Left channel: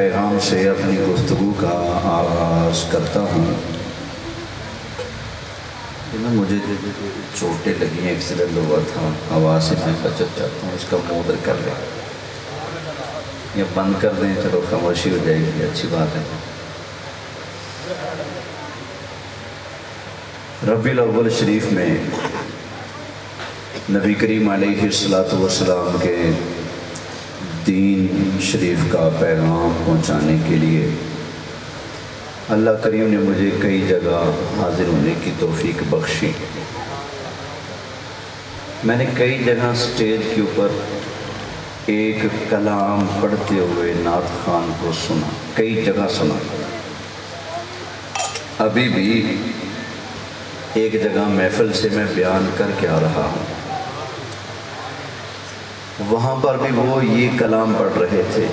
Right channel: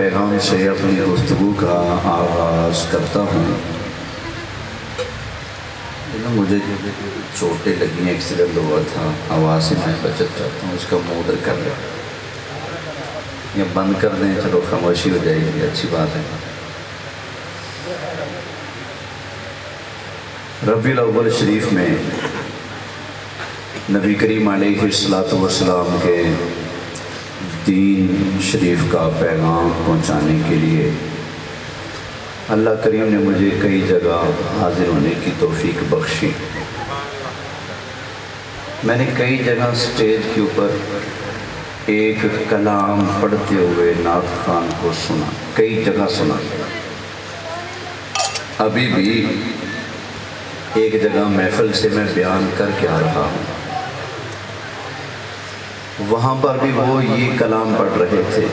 پیغام سے اپنی گفتگو کا آغاز کرتا ہوں۔ مجھے چوٹیں لگی ہیں، ایکسیڈنٹ ہوا تھا، آواز سے میں بچت کرتا ہوں، اس کا مودر کر لیں یا بند کر دیں، چلو خاموشی ہو جائے گی، اچھی بات ہے۔ ربیع الاول شریف میں نبی کریم علیہ السلام کے دین شریف کا پیغام پہنچانے کے لیے اللہ کریم نے مجھے کئی جگہ حاضر ہونے کی توفیق بخشی۔ میں نے کئی جگہ سٹیج کے اوپر ایک کلام پڑھتے ہوئے نعت خوان کو سنا، کئی جگہ سنا۔ ابھی بھی ایک جگہ محفل سے میں بیان کر کے آ رہا ہوں، وہاں پر بھی وہ یہ کلام پڑھ رہے تھے۔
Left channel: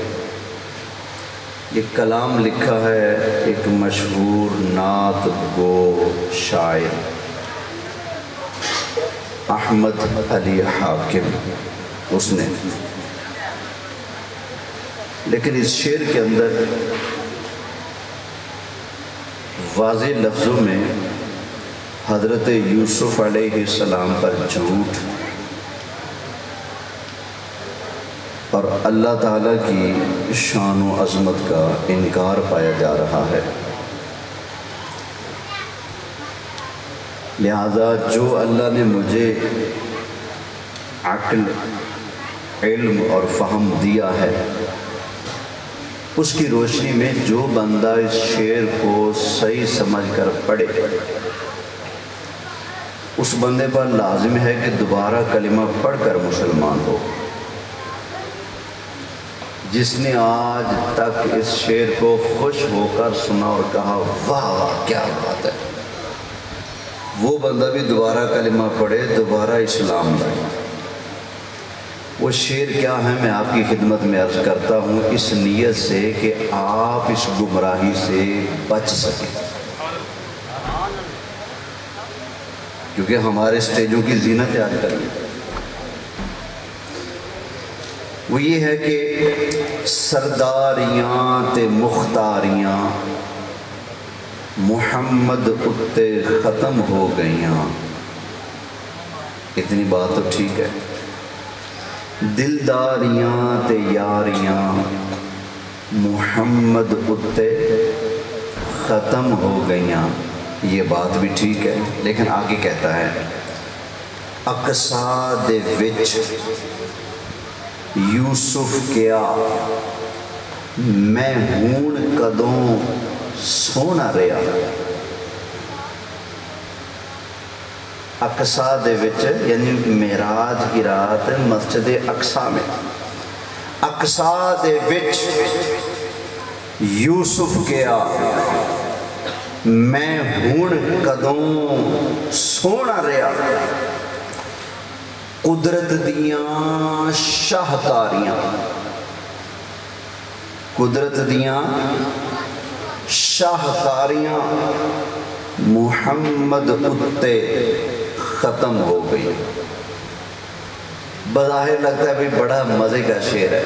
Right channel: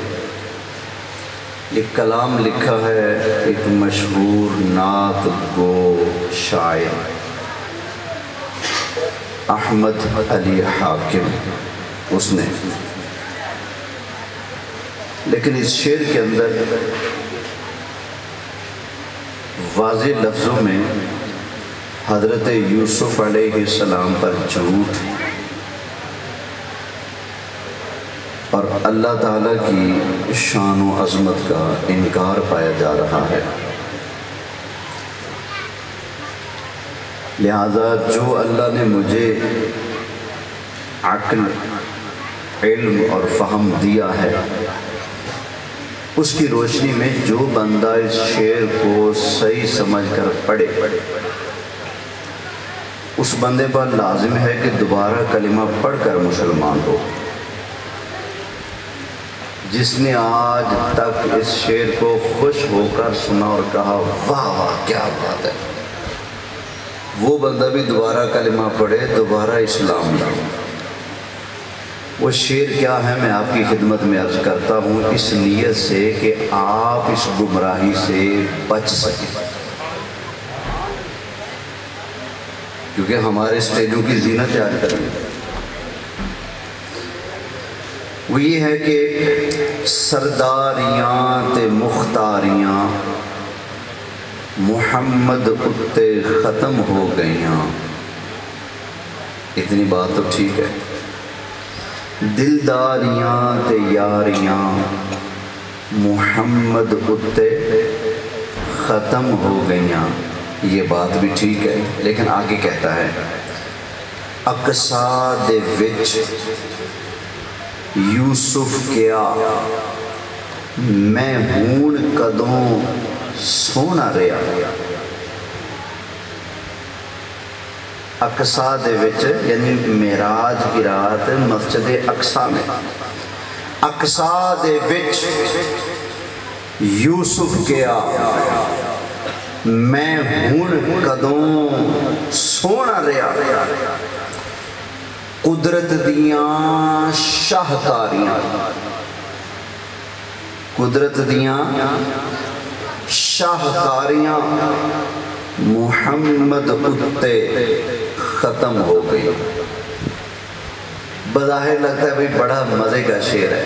یہ کلام لکھا ہے ایک مشہور نعت گو شاعر احمد علی حاکم، اس نے، لیکن اس شعر کے اندر واضح لفظوں میں حضرت یوسف علیہ السلام پر جھوٹ اور اللہ تعالیٰ کی شان و عظمت کا انکار پایا جا رہا ہے۔ لہذا جو اللہ نے مجھے عقل، علم اور فہم دیا ہے، اس کی روشنی میں جو بندہ اس شعر کو صحیح سمجھ کر پڑھے، اس بندے پر لازم ہے کہ دوبارہ کلمہ پڑھ کر مسلمان ہو۔ جس نے آج تک اس شعر کو خوش ہو کر سنا اور کہا واہ کیا بات ہے، وہ بندہ بھی دوبارہ کلمہ پڑھے، دوبارہ اسلام لائے۔ وہ شعر کیا ہے میں آپ کی خدمت میں عرض کرتا ہوں، اس نیت سے کہ آپ اس گمراہی سے بچ سکیں، کیونکہ ہمارے اسٹیجوں کی زینت ہے آج کل۔ وہ یہ ہے کہ سرداریاں تے مختاریاں محمد اتے ختم ہو گئیاں۔ اتنی بات تو ٹھیک ہے، دلداریاں تے یاریاں محمد اتے ختم ہو گئیاں، یہ بات بھی ٹھیک ہے، لیکن آگے کہتا ہے اقصا دے وچ یوسف کیا میں ہون کدوں سونا رہا۔ اقصا دے وچ یعنی معراج کی رات مسجد اقصا میں، اقصا دے وچ یوسف کیا میں ہون کدوں سونا رہا۔ قدرت دیاں شاہکاریاں، قدرت دیاں شاہکاریاں محمد اتے ختم ہو گئی۔ بظاہر لگتا ہے بھی بڑا مزے کا شعر ہے،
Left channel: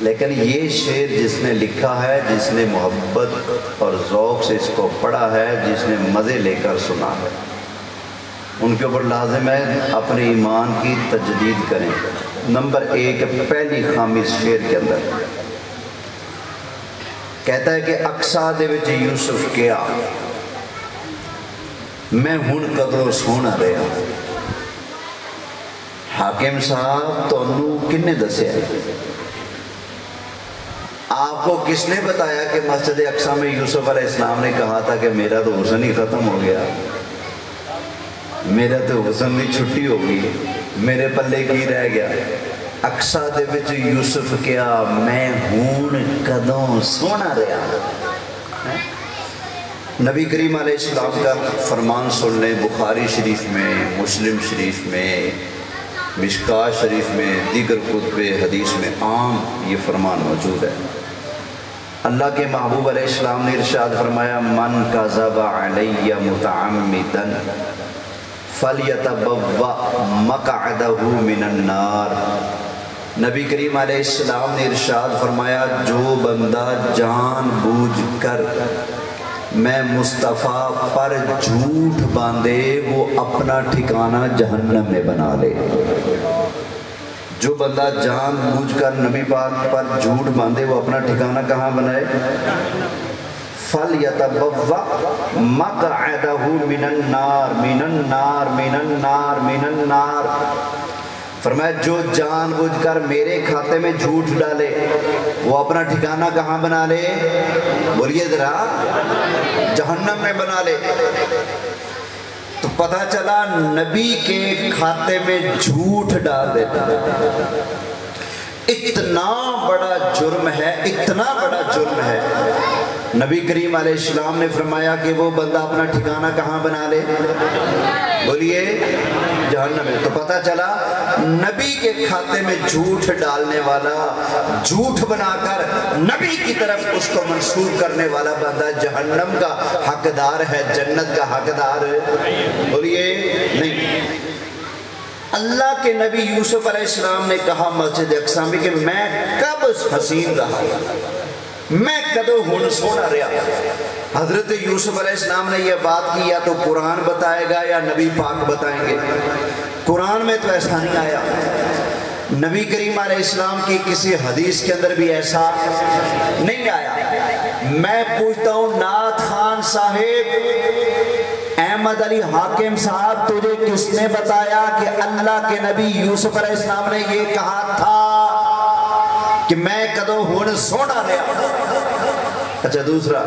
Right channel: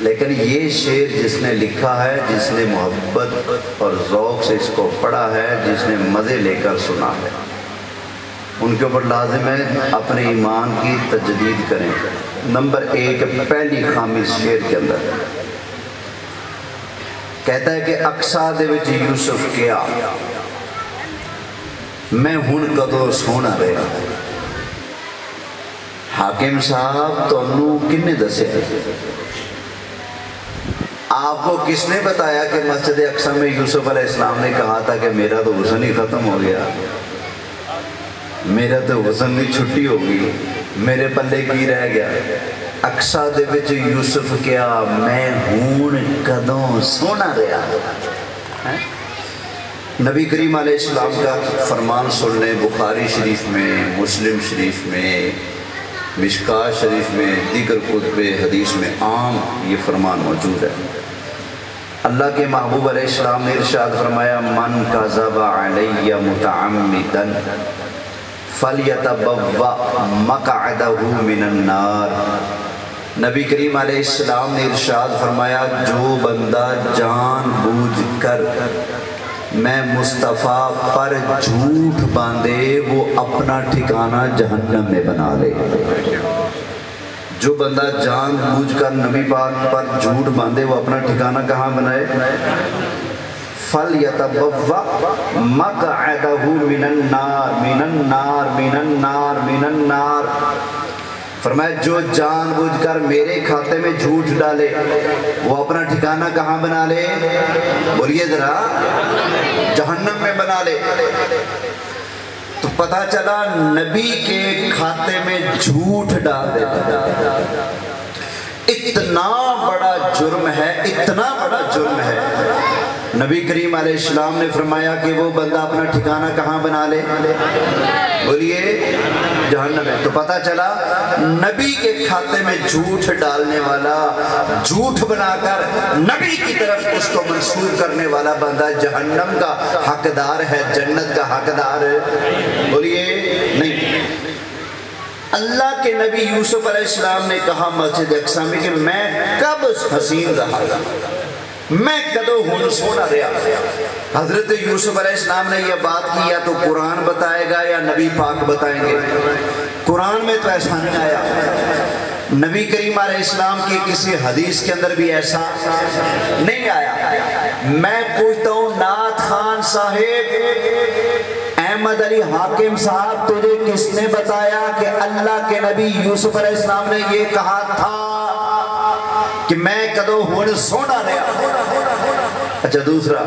لیکن یہ شعر جس نے لکھا ہے، جس نے محبت اور ذوق سے اس کو پڑھا ہے، جس نے مزے لے کر سنا ہے، ان کے اوپر لازم ہے اپنے ایمان کی تجدید کریں۔ نمبر ایک، پہلی خامی اس شعر کے اندر کہتا ہے کہ اقصا دے وچ یوسف کیا میں ہن کدوں سونا رہا۔ حاکم صاحب تمہوں کن نے دسیا، آپ کو کس نے بتایا کہ مسجد اقصا میں یوسف علیہ السلام نے کہا تھا کہ میرا تو حسن ہی ختم ہو گیا، میرا تو حسن کی چھٹی ہو گئی، میرے پلے کی رہ گیا۔ اقصا دے وچ یوسف کیا میں ہون کدوں سونا رہا۔ نبی کریم علیہ السلام کا فرمان سن لیں، بخاری شریف میں، مسلم شریف میں، مشکاۃ شریف میں، دیگر کتب حدیث میں عام یہ فرمان موجود ہے۔ اللہ کے محبوب علیہ السلام نے ارشاد فرمایا من کذب علی متعمدا فَلْيَتَبَوَّأْ مَقْعَدَهُ مِنَ النَّارِ۔ نبی کریم علیہ السلام نے ارشاد فرمایا جو بندہ بندہ جان بوجھ کر میں مصطفیٰ پر جھوٹ باندھے وہ اپنا ٹھکانہ جہنم میں بنا لے. جو بندہ جان بوجھ کر نبی پاک پر جھوٹ باندھے وہ اپنا ٹھکانہ کہاں بنائے؟ فَلْيَتَبَوَّأْ مَقْعَدَهُ مِنَ النَّارِ مِنَ النَّارِ مِنَ النَّارِ مِنَ النَّارِ. فرمایا جو جان بوجھ کر میرے کھاتے میں جھوٹ ڈالے وہ اپنا ٹھکانہ کہاں بنا لے؟ بولیے ذرا. جہنم میں بنا لے. تو پتہ چلا نبی کے کھاتے میں جھوٹ ڈال دیتا. اتنا بڑا جرم ہے, اتنا بڑا جرم ہے. نبی کریم علیہ السلام نے فرمایا کہ وہ بندہ اپنا ٹھکانہ کہاں بنا لے؟ بولیے جہنم میں. تو پتہ چلا نبی کے کھاتے میں جھوٹ ڈالنے والا, جھوٹ بنا کر نبی کی طرف اس کو منسوب کرنے والا بندہ جہنم کا حقدار ہے, جنت کا حقدار بولیے نہیں. اللہ کے نبی یوسف علیہ السلام نے کہا مسجد اقصی میں کہ میں کب حسین رہا, میں کدو ہن سونا رہا. حضرت یوسف علیہ السلام نے یہ بات کی یا تو قرآن بتائے گا یا نبی پاک بتائیں گے. قرآن میں تو ایسا نہیں آیا, نبی کریم علیہ السلام کی کسی حدیث کے اندر بھی ایسا نہیں آیا. میں پوچھتا ہوں نعت خان صاحب, احمد علی حاکم صاحب, تجھے کس نے بتایا کہ اللہ کے نبی یوسف علیہ السلام نے یہ کہا تھا کہ میں کدو ہن سونا رہا؟ اچھا دوسرا,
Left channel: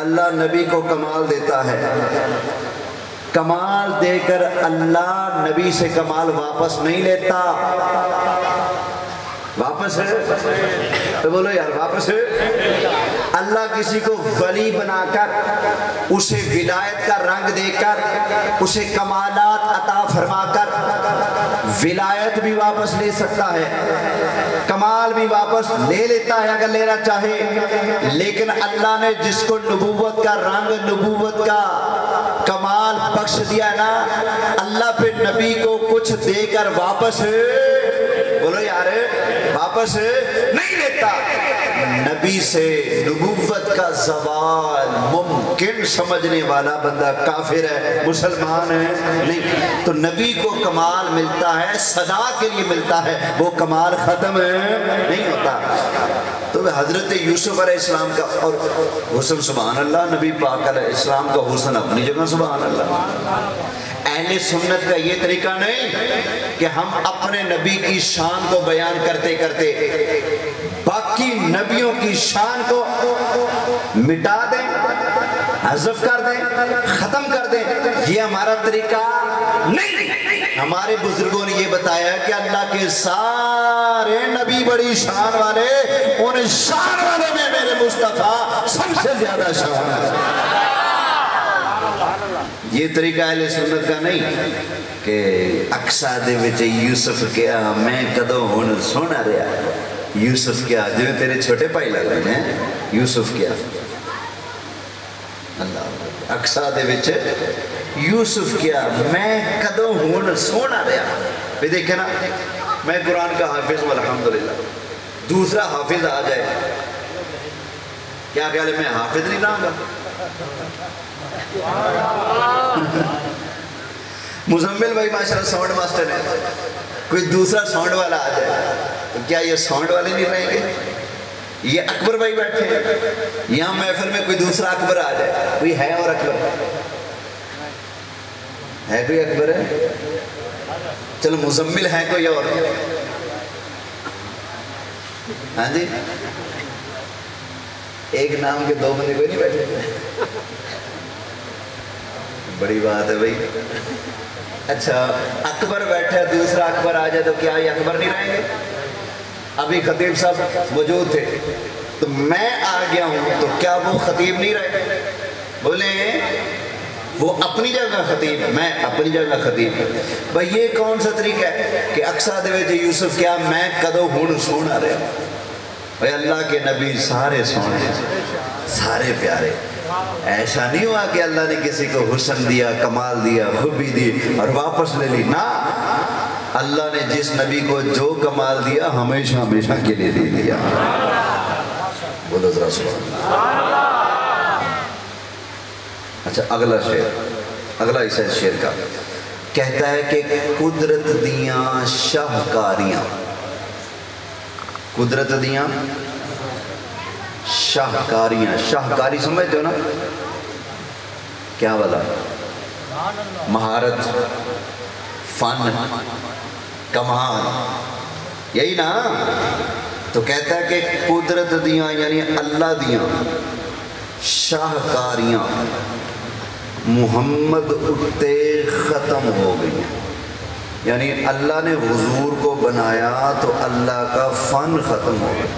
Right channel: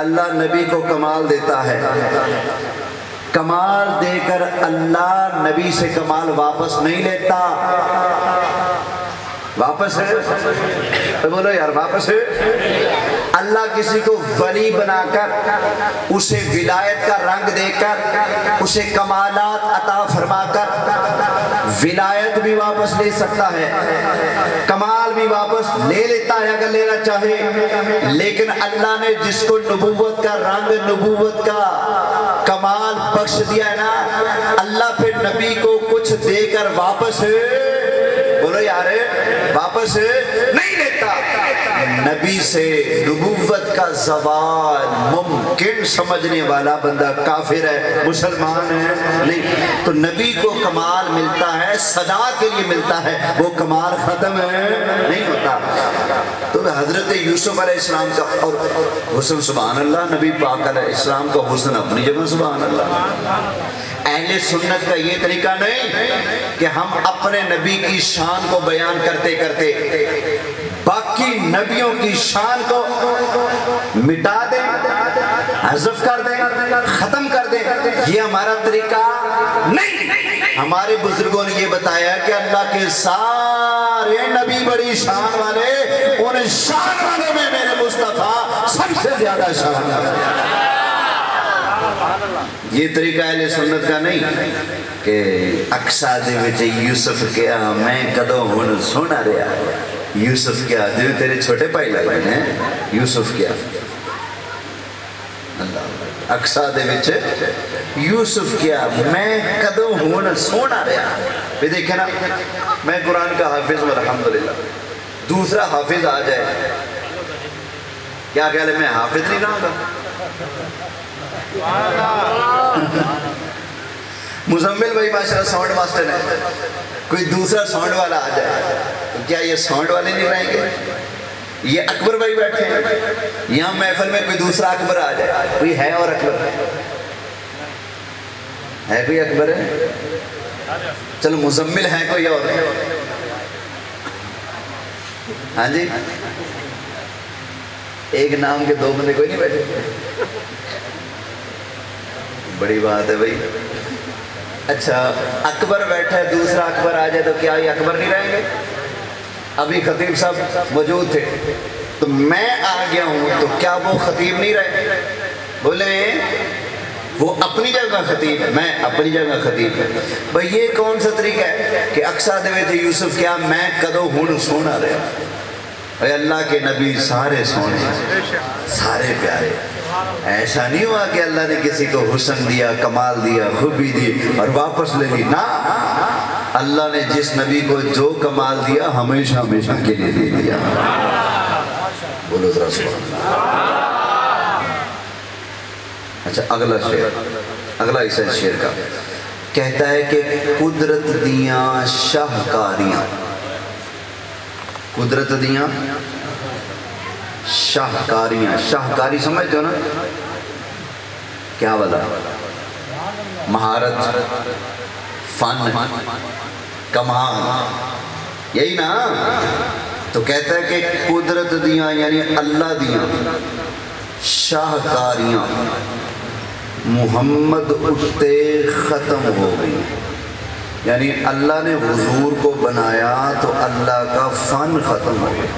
اللہ نبی کو کمال دیتا ہے, کمال دے کر اللہ نبی سے کمال واپس نہیں لیتا. واپس ہے بولو یار, واپس ہے. اللہ کسی کو ولی بنا کر اسے ولایت کا رنگ دے کر اسے کمالات عطا فرما کر ولایت بھی واپس لے سکتا ہے, کمال بھی واپس لے لیتا ہے اگر لینا چاہے. لیکن اللہ نے جس کو نبوت کا رنگ, نبوت کا کمال بخش دیا نا, اللہ پھر نبی کو کچھ دے کر واپس بولو یار واپس نہیں لیتا. نبی سے نبوت کا زوال ممکن سمجھنے والا بندہ کافر ہے, مسلمان ہے نہیں. تو نبی کو کمال ملتا ہے, سزا کے لیے ملتا ہے, وہ کمال ختم نہیں ہوتا. تو حضرت یوسف علیہ السلام کا اور حسن سبحان اللہ, نبی پاک علیہ السلام کا حسن اپنی جگہ سبحان اللہ. اہل سنت کا یہ طریقہ نہیں کہ ہم اپنے نبی کی شان کو بیان کرتے کرتے باقی نبیوں کی شان کو مٹا دیں, حذف کر دیں, ختم کر دیں. یہ ہمارا طریقہ نہیں. ہمارے بزرگوں نے یہ بتایا کہ اللہ کے سارے نبی بڑی شان والے, ان شان والوں میں میرے مصطفیٰ سب سے زیادہ شان ہے. یہ طریقہ اہل سنت کا نہیں کہ اقصا دے وچ یوسف کیا میں کدو ہن سونا رہا. یوسف کیا جو تیرے چھوٹے بھائی لگ رہے ہیں, یوسف کیا اللہ اقصا دے وچ یوسف کیا میں کدو ہن سونا رہا. یہ دیکھیں نا, میں قرآن کا حافظ ہوں الحمدللہ. دوسرا حافظ آ جائے کیا خیال ہے میں حافظ نہیں رہا گا؟ مزمل بھائی ماشاءاللہ ساؤنڈ ماسٹر ہے, کوئی دوسرا ساؤنڈ والا آ جائے تو کیا یہ ساؤنڈ والے نہیں رہیں گے؟ یہ اکبر بھائی بیٹھے ہیں یہاں محفل میں, کوئی دوسرا اکبر آ جائے, کوئی ہے اور اکبر ہے, کوئی اکبر ہے؟ چلو مزمل ہے کوئی اور, ہاں جی ایک نام کے دو بندے کوئی نہیں بیٹھے؟ بڑی بات ہے بھائی. اچھا اکبر بیٹھے, دوسرا اکبر آ جائے تو کیا یہ اکبر نہیں رہیں گے؟ ابھی خطیب صاحب موجود تھے تو میں آ گیا ہوں تو کیا وہ خطیب نہیں رہے؟ بولے وہ اپنی جگہ خطیب ہے, میں اپنی جگہ خطیب ہے. بھائی یہ کون سا طریقہ ہے کہ اقصا دے وچ یوسف کیا میں کدو ہن سونا رہا. اے اللہ کے نبی سارے سونے, سارے پیارے. ایسا نہیں ہوا کہ اللہ نے کسی کو حسن دیا, کمال دیا, خوبی دی اور واپس لے لی. نا, اللہ نے جس نبی کو جو کمال دیا ہمیشہ ہمیشہ کے لیے دے دیا. بولو ذرا سبحان اللہ۔ اچھا اگلا شعر، اگلا حصہ شعر کا کہتا ہے کہ قدرت دیاں شاہکاریاں، قدرت دیاں شاہکاریاں، شاہکاری سمجھتے ہو نا کیا والا؟ مہارت، فن، کمال، یہی نا؟ تو کہتا ہے کہ قدرت دیاں یعنی اللہ دیاں شاہکاریاں محمد اٹھتے ختم ہو گئی، یعنی اللہ نے حضور کو بنایا تو اللہ کا فن ختم ہو گیا،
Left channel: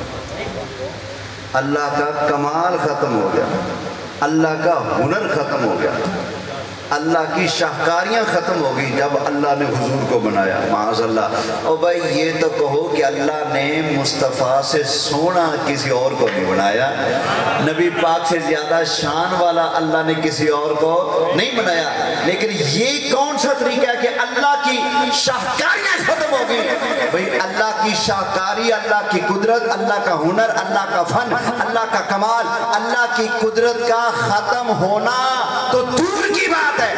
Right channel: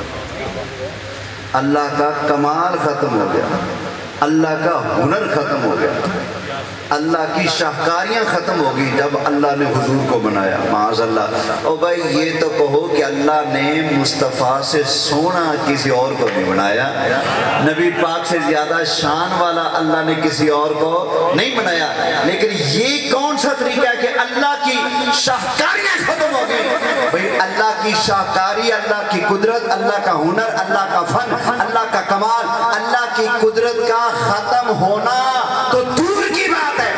اللہ کا کمال ختم ہو گیا، اللہ کا ہنر ختم ہو گیا، اللہ کی شاہکاریاں ختم ہو گئی جب اللہ نے حضور کو بنایا۔ معاذ اللہ۔ او بھائی یہ تو کہو کہ اللہ نے مصطفیٰ سے سونا کسی اور کو نہیں بنایا، نبی پاک سے زیادہ شان والا اللہ نے کسی اور کو نہیں بنایا، لیکن یہ کون سا طریقہ ہے کہ اللہ کی شاہکاریاں ختم ہو گئی؟ بھائی اللہ کی شاہکاری، اللہ کی قدرت، اللہ کا ہنر، اللہ کا فن، اللہ کا کمال، اللہ کی قدرت کا ختم ہونا تو دور کی بات ہے،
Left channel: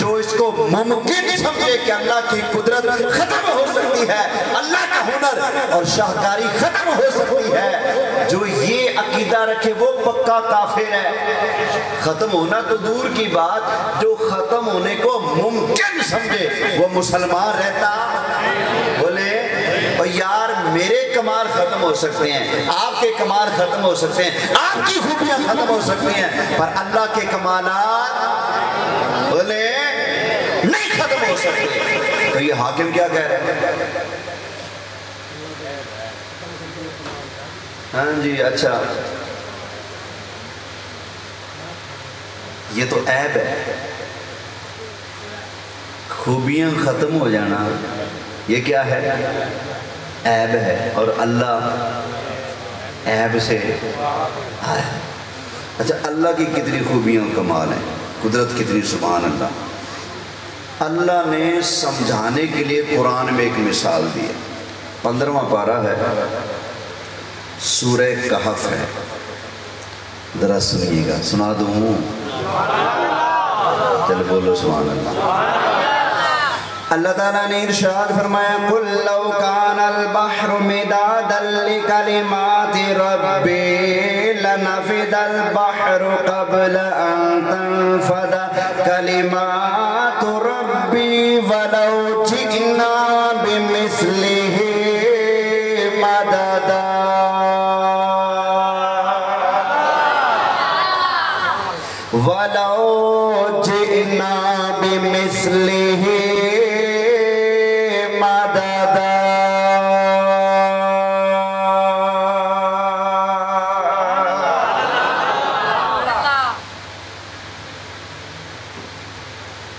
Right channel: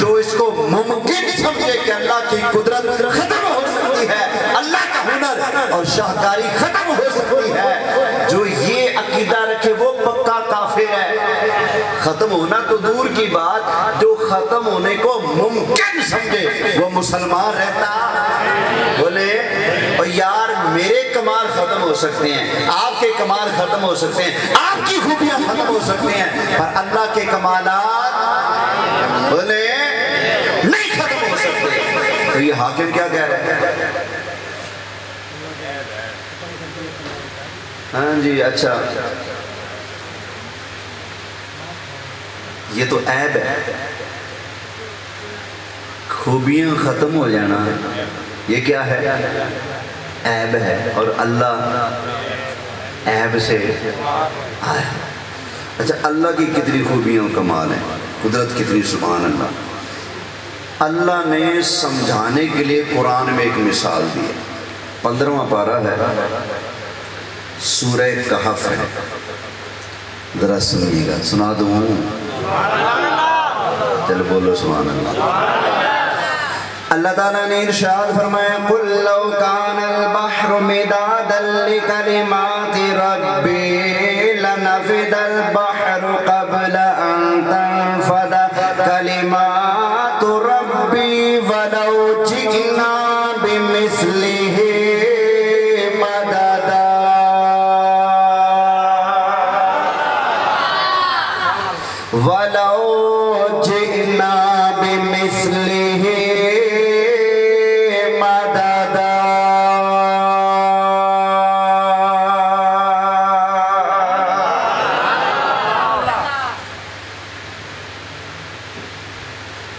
جو اس کو ممکن سمجھے کہ اللہ کی قدرت ختم ہو سکتی ہے، اللہ کا ہنر اور شاہکاری ختم ہو سکتی ہے، جو یہ عقیدہ رکھے وہ پکا کافر ہے۔ ختم ہونا تو دور کی بات، جو ختم ہونے کو ممکن سمجھے وہ مسلمان رہتا؟ بولے اور یار میرے کمال ختم ہو سکتے ہیں، آپ کے کمال ختم ہو سکتے ہیں، آپ کی خوبیاں ختم ہو سکتے ہیں، پر اللہ کے کمالات بولے نہیں ختم ہو سکتے۔ تو یہ حاکم کیا کہہ رہے ہیں؟ ہاں جی اچھا یہ تو عیب ہے، خوبیاں ختم ہو جانا یہ کیا ہے؟ عیب ہے، اور اللہ عیب سے آئے۔ اچھا اللہ کی کتنی خوبیاں کمال ہیں، قدرت کتنی، سبحان اللہ۔ اللہ نے سمجھانے کے لیے قرآن میں ایک مثال دی ہے، 15واں پارہ ہے، سورہ کہف ہے، ذرا سنیے گا، سنا دوں؟ چل بولو سبحان اللہ۔ اللہ تعالیٰ نے ارشاد فرمایا قُلْ لَوْ كَانَ الْبَحْرُ مِدَادًا لِكَلِمَاتِ رَبِّي لَنَفِدَ الْبَحْرُ قَبْلَ أَن تَنفَدَ كَلِمَاتُ رَبِّي وَلَوْ جِئْنَا بِمِثْلِهِ مَدَدًا وَلَوْ جِئْنَا بِمِثْلِهِ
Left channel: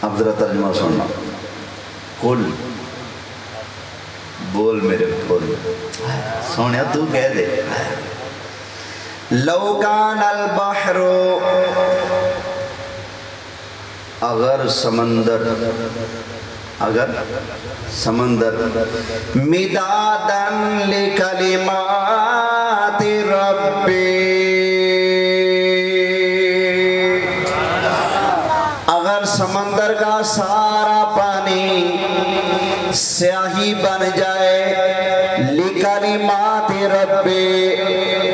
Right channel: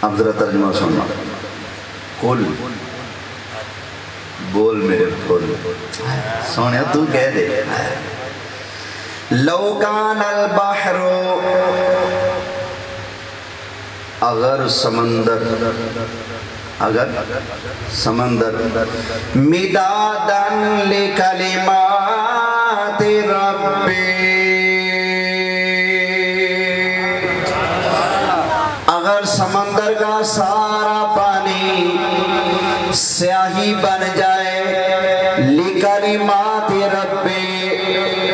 اب ذرا ترجمہ سننا۔ قل بول میرے قل، سونے تو کہہ دے، لو کان البحر، اگر سمندر، اگر سمندر مدادن لکلمات ربی، سمندر کا سارا پانی سیاہی بن جائے، لکلمات ربی،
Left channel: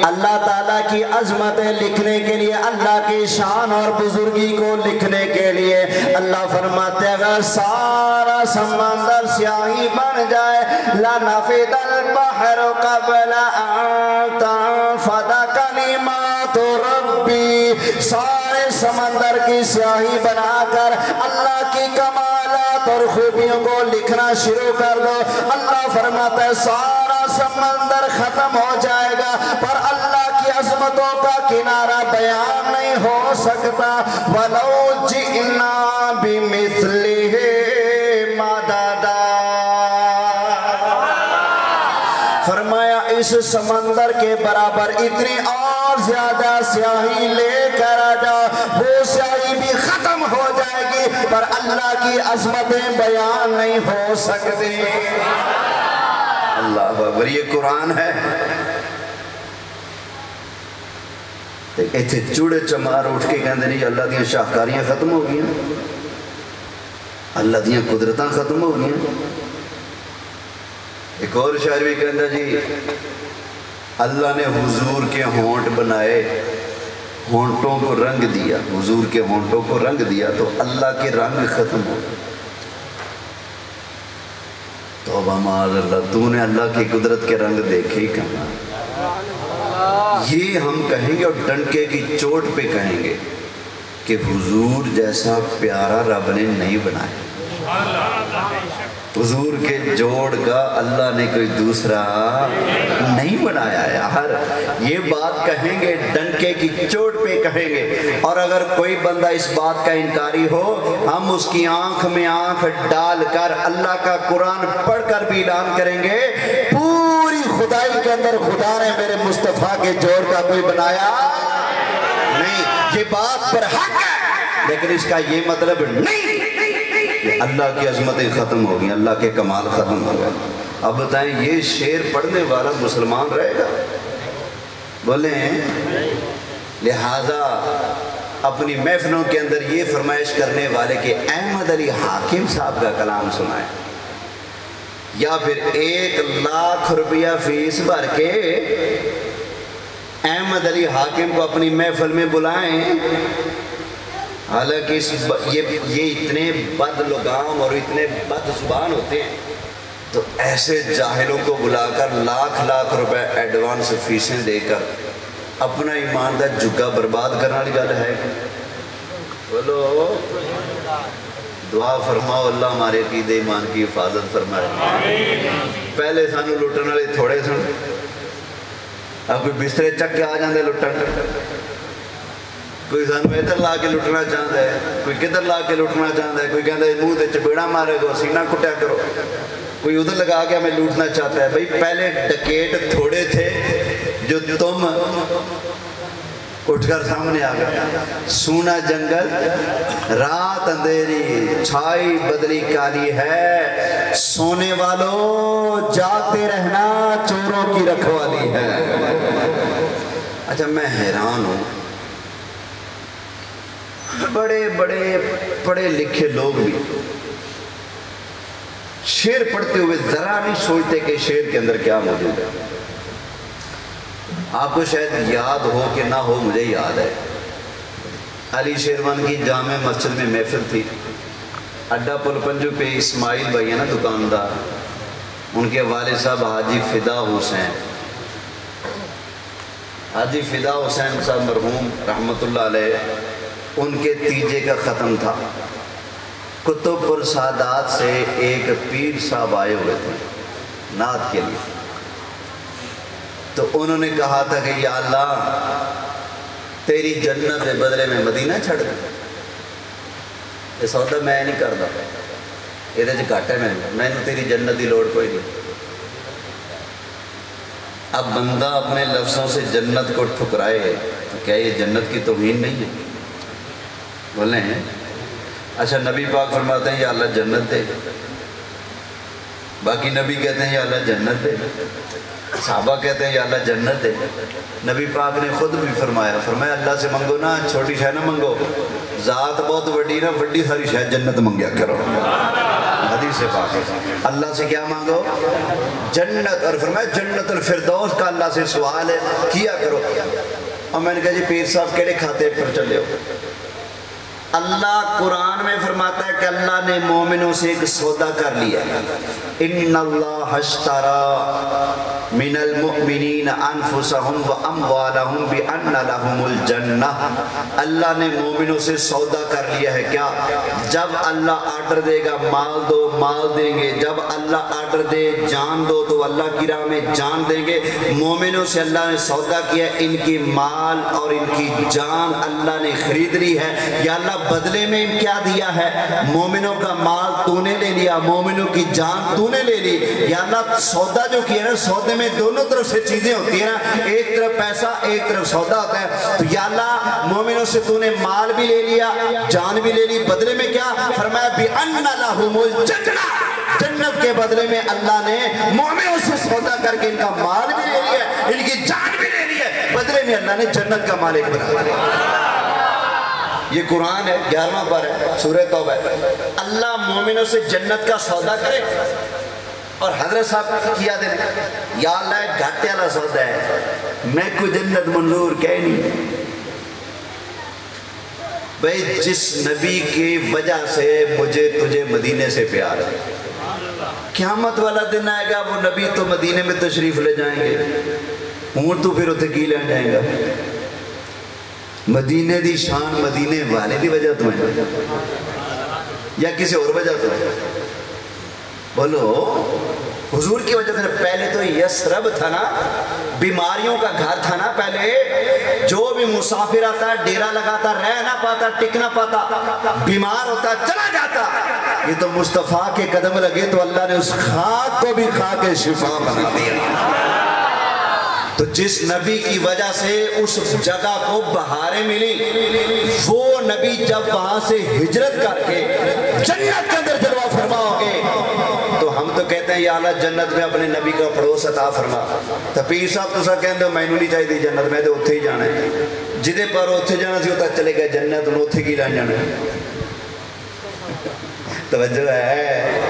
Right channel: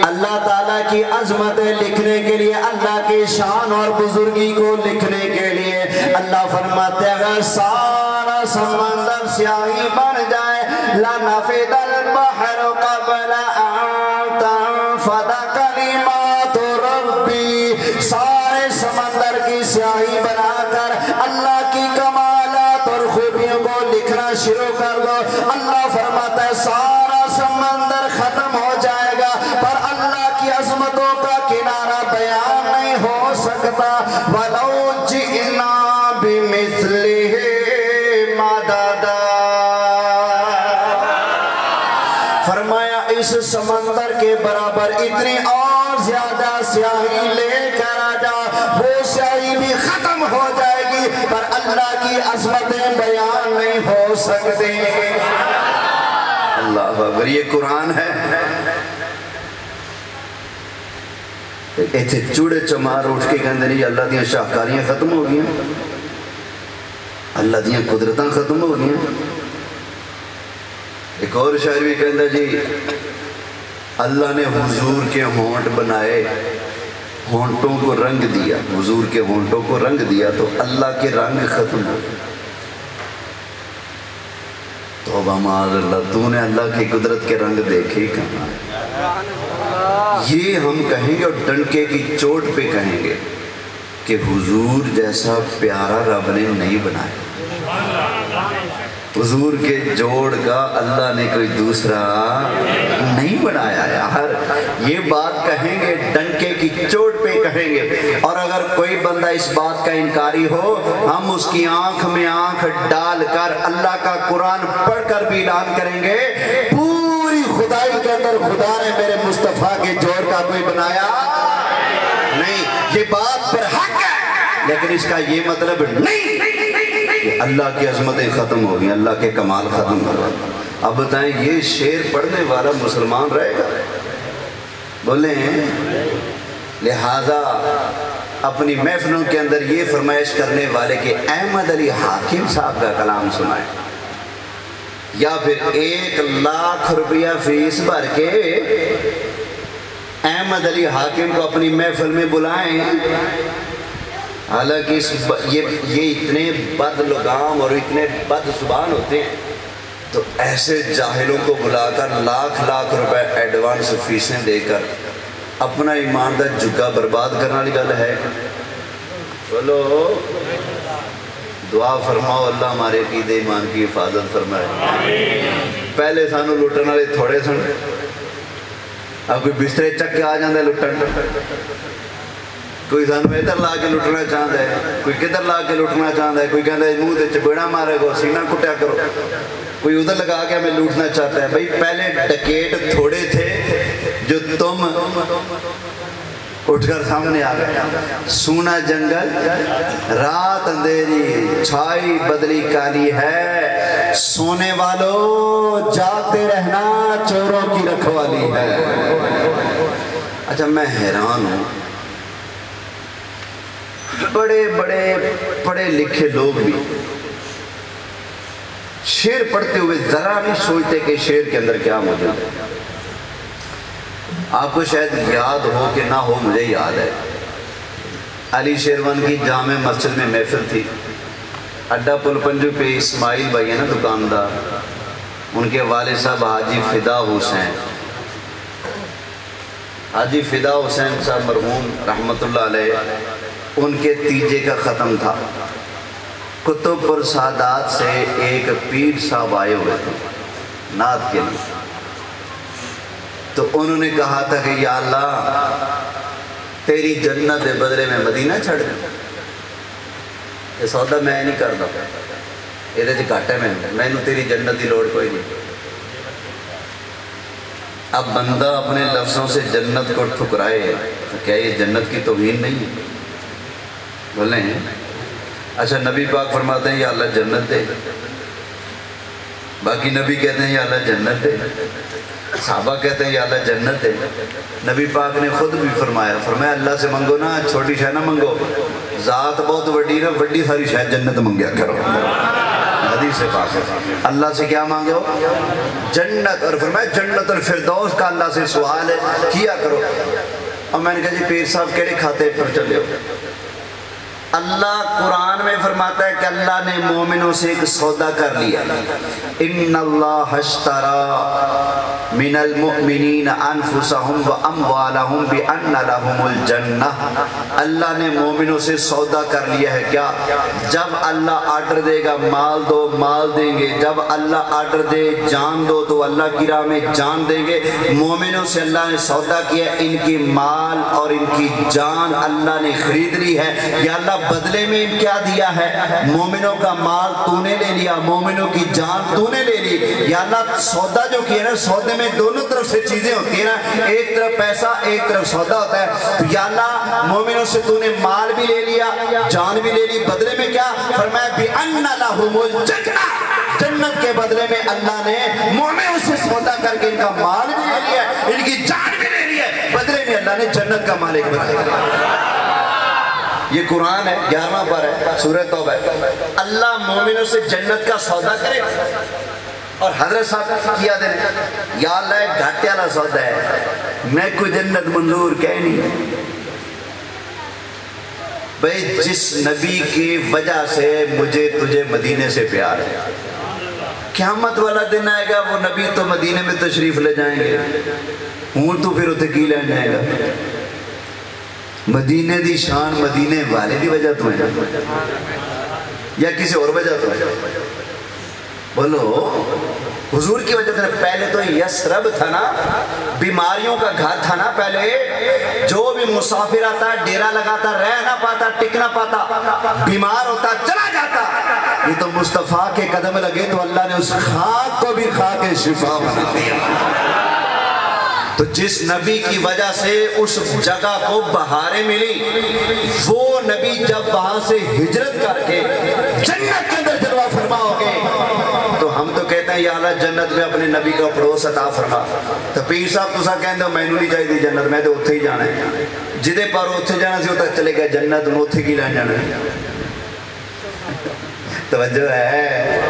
اللہ تعالیٰ کی عظمتیں لکھنے کے لیے، اللہ کی شان اور بزرگی کو لکھنے کے لیے، اللہ فرماتے ہیں اگر سارا سمندر سیاہی بن جائے، لَنَفِدَ الْبَحْرُ قَبْلَ أَن تَنفَدَ كَلِمَاتُ رَبِّي، سارے سمندر کی سیاہی بنا کر اللہ کی کمالات اور خوبیوں کو لکھنا شروع کر دو، اللہ فرماتا ہے سارا سمندر ختم ہو جائے گا، پر اللہ کی عظمتوں کا کنارہ بیان نہیں ہو سکتا۔ وَلَوْ جِئْنَا بِمِثْلِهِ مَدَدًا، فرمایا اس سمندر کے برابر اتنی اور زیادہ سیاہی لے کر آ جا، وہ سیاہی بھی ختم ہو جائے گی، پر اللہ کی عظمتیں بیان نہیں ہو سکتی۔ اللہ اکبر، یہ قرآن ہے۔ اتنے چوڑے چمار اٹھ کے کہتے نہیں اللہ دیا شاہکاریاں ختم ہو گئی، اللہ دیا قدرتاں ختم ہو گئی۔ ایک اور شاعر بھی کہتا جی اللہ نے حضور کے ہونٹ بنائے، ہونٹوں کو رنگ دیا، حضور کے ہونٹوں کو رنگ دیا تو اللہ کے رنگ ختم ہو گئے۔ توبہ معاذ اللہ، تو نے اللہ کی قدرت کے رنگ دیکھے کہاں؟ یہ ہم کہیں گے اور ڈنکے کی چوٹ پہ کہیں گے کہ حضور جیسا پیارا رب نے نہیں بنایا، حضور کے جوڑ کا اللہ نے کوئی دوسرا نہیں بنایا یار۔ یہ بات کہیں گے ڈنکے کی چوٹ پہ کہیں گے، اور اگر کوئی بندہ اس بات کا انکاری ہو ہم اس کی آنکھ میں آنکھ ڈال کر اللہ کا قرآن پڑھ کر بھی اعلان کریں گے پوری خدائی کے اندر خدا نے میرے مصطفیٰ کے جوڑ کا کوئی بنایا نہیں۔ یہ بات پر حق ہے، لیکن اس کا یہ مطلب نہیں کہ اللہ کی عظمتیں ختم ہو گئی، اللہ کے کمال ختم ہو گئے۔ اب بتائیں یہ شعر پڑھنے والا مسلمان رہے گا؟ بولیں۔ لہذا اپنی محفلوں کے اندر یہ فرمائش کرنے والے کہ احمد علی حاکم صاحب کا کلام سنائیں، یا پھر 1,00,000 روپیہ فیس بھر کے احمد علی حاکم کو اپنی محفل میں بلائیں، حالانکہ یہ اتنے بد لگام اور اتنے بد زبان ہوتے ہیں، تو ایسے جاہلوں کو بلا کر لاکھ روپے ایڈوانس فیسیں دے کر اپنا ایمان دا جھگا برباد کرنے والی گل ہے؟ بولو دعا فرماؤ اللہ ہمارے عقیدے ایمان کی حفاظت فرمائے۔ پہلے سانو لٹن والے تھوڑے سن، اب کوئی بسترے چک کے آ جاندے لٹن، کوئی سانو ادھر لا کے لٹنا چاہتا ہے، کوئی کدھر لا کے لٹنا چاہتا ہے، کوئی کہتا ہے منہ تے چپیڑا مارے گا سینہ کٹیا کرو، کوئی ادھر لگا کے ہمیں لوٹنا چاہتا ہے۔ بھائی پہلے ڈکیٹ تھوڑے تھے جو تم اٹھ کر سامنے آ گئے، سونا جنگل رات اندھیری چھائی بدلی کالی ہے، سونے والوں جاگتے رہنا چوروں کی رکھوالی ہے۔ اچھا میں حیران ہوں، بڑے بڑے پڑھے لکھے لوگ بھی شعر پڑھتے ہوئے ذرا نہیں سوچتے کہ شعر کے اندر کیا موجود ہے۔ آپ کو شاید یاد ہو کہ نہ ہو، مجھے یاد ہے علی شیروان کی جامع مسجد میں محفل تھی، اڈا پل پنجو پہ اسماعیل بھائی ہے نا دکاندار، ان کے والد صاحب حاجی فدا حسین، حاجی فدا حسین صاحب مرحوم رحمت اللہ علیہ، ان کے تیجے کا ختم تھا۔ کتب پر سادات سے ایک پیر صاحب آئے ہوئے تھے نعت کے لیے، تو انہوں نے کہا تھا کہ یا اللہ تیری جنت کے بدلے میں مدینہ چھڑ دیں، یہ سودا میں نہیں کرتا، یہ گھٹ ہے میں تیری جنت کی لوڑ کوئی نہیں۔ اب بندہ اپنے لفظوں سے جنت کو ٹھکرائے تو کیا یہ جنت کی توہین نہیں ہے؟ بولیں۔ اچھا نبی پاک فرماتے ہیں یا اللہ جنت دے، باقی نبی کہتے ہیں یا اللہ جنت دے، صحابہ کہتے ہیں یا اللہ جنت دے، نبی پاک نے خود بھی فرمایا اللہ سے منگو نا چھوٹی شے نہ منگو، ذات بہت وڈی نا وڈی ساری شے جنت منگیا کرو، حدیث پاک ہے۔ اللہ سے کیا مانگو؟ جنت، اور فرمایا جنت الفردوس کا اللہ سے سوال کیا کرو۔ اور میں نے کہا جی پیر صاحب کہڑے کھاتے پر چلے ہو؟ اللہ قرآن میں فرماتا ہے کہ اللہ نے مومنوں سے ایک سودا کر لیا، ان اللہ اشترى من المؤمنین انفسهم واموالهم بان لهم الجنہ، اللہ نے مومنوں سے سودا کر لیا ہے۔ کیا؟ جب اللہ آرڈر دے گا مال دو مال دیں گے، جب اللہ آرڈر دے جان دو تو اللہ کی راہ میں جان دیں گے۔ مومنوں سے اللہ نے سودا کیا، ان کی مال اور ان کی جان اللہ نے خرید لی ہے۔ یا اللہ بدلے میں کیا دیا ہے؟ مومنوں کا مال تو نے لے لیا، مومنوں کی جان تو نے لے لی۔ یا اللہ سودا جو کیا نا، سودے میں دونوں طرف سے چیزیں ہوتی ہیں نا، ایک طرف پیسہ ایک طرف سودا ہوتا ہے۔ تو یا اللہ مومنوں سے تو نے مال بھی لے لیا جان بھی لے لی، بدلے میں کیا فرمایا؟ بِأَنَّ لَهُمُ الْجَنَّةَ، جنت کے بدلے میں اللہ نے مومنوں سے سودا کر کے ان کا مال بھی لے لیا، ان کی جان بھی لے لی ہے، بدلے میں بھی اللہ نے جنت کا مالک بنایا۔ یہ قرآن ہے، 11واں پارہ ہے، سورہ توبہ ہے۔ اللہ مومنوں سے جنت کا سودا کرے اور حضرت صاحب کیا دیں یا اللہ ایک گھاٹے والا سودا ہے، میں کوئی جنت منظور کہہ نہیں۔ بھئی جس نبی کی وجہ سے مجھے تجھے مدینے سے پیار ہے، قیامت والا دن آئے گا وہ نبی تو مدینے میں تشریف لے جائیں گے، ہوں تو پھر اتنے کی لین جائیں گا؟ مدینے دی شان مدینے والے دی وجہ تو ہے یا کسی اور وجہ تو ہے؟ بولو حضور کی وجہ سے۔ پہلے تو یسرب تھا نا، بیماریوں کا گھر تھا نا پہلے، جو بھی مسافر آتا ڈیرا لگاتا، رہ نہ پاتا، ٹک نہ پاتا، بیمار ہوتا چلا جاتا۔ یہ تو مصطفیٰ کے قدم لگے تو اللہ نے اس خاک کو بھی خاک شفا بنا دیا۔ تو جس نبی کی وجہ سے اس جگہ کو بہاریں ملی، وہ نبی جب وہاں سے ہجرت کر کے جنت کے اندر جلوہ فرما ہو گئے تو ہم تو کہتے ہیں یا اللہ جنت میں اپنے نبی کا پڑوس عطا فرما۔ تو پیر صاحب تو سب کہتے ہو میں نہیں چاہیے جنت، میں تو اتھے ہی جانا ہے، جدے پر اتھے جانا سی ہوتا چلے گئے جنت میں اتھے کی لین جانا ہے۔ توجہ ہے؟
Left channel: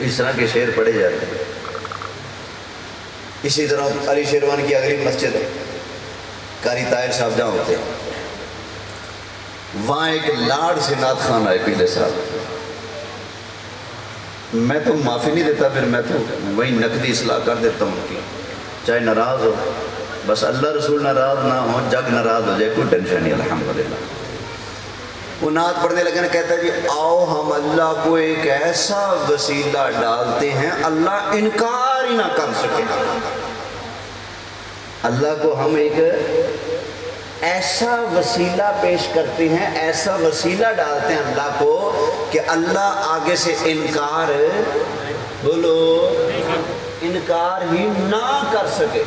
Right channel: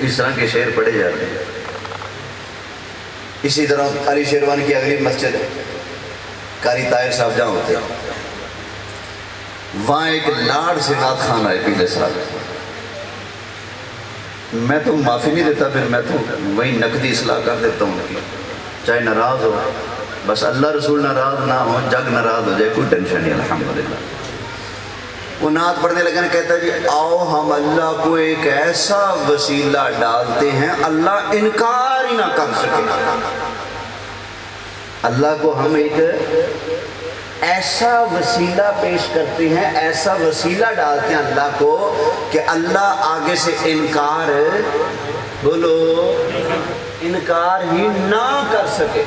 اس طرح کے شعر پڑھے جاتے ہیں۔ اسی طرح علی شیروان کی اگلی مسجد قاری طاہر صاحب جہاں ہوتے ہیں، وہاں ایک لاڑ سے نعت خان آئے پیلے صاحب، میں تو معافی نہیں دیتا، پھر میں تو وہی نقدی اصلاح کر دیتا ہوں کہ چاہے ناراض ہو، بس اللہ رسول ناراض نہ ہو، جگ ناراض ہو جائے، کوئی ٹینشن نہیں الحمدللہ۔ وہ نعت پڑھنے لگے کہتا ہے جی آؤ ہم اللہ کو ایک ایسا وسیلہ ڈالتے ہیں اللہ انکار ہی نہ کر سکے۔ اللہ کو ہم ایک ایسا وسیلہ پیش کرتے ہیں، ایسا وسیلہ ڈالتے ہیں اللہ کو کہ اللہ آگے سے انکار، بولو انکار ہی نہ کر سکے۔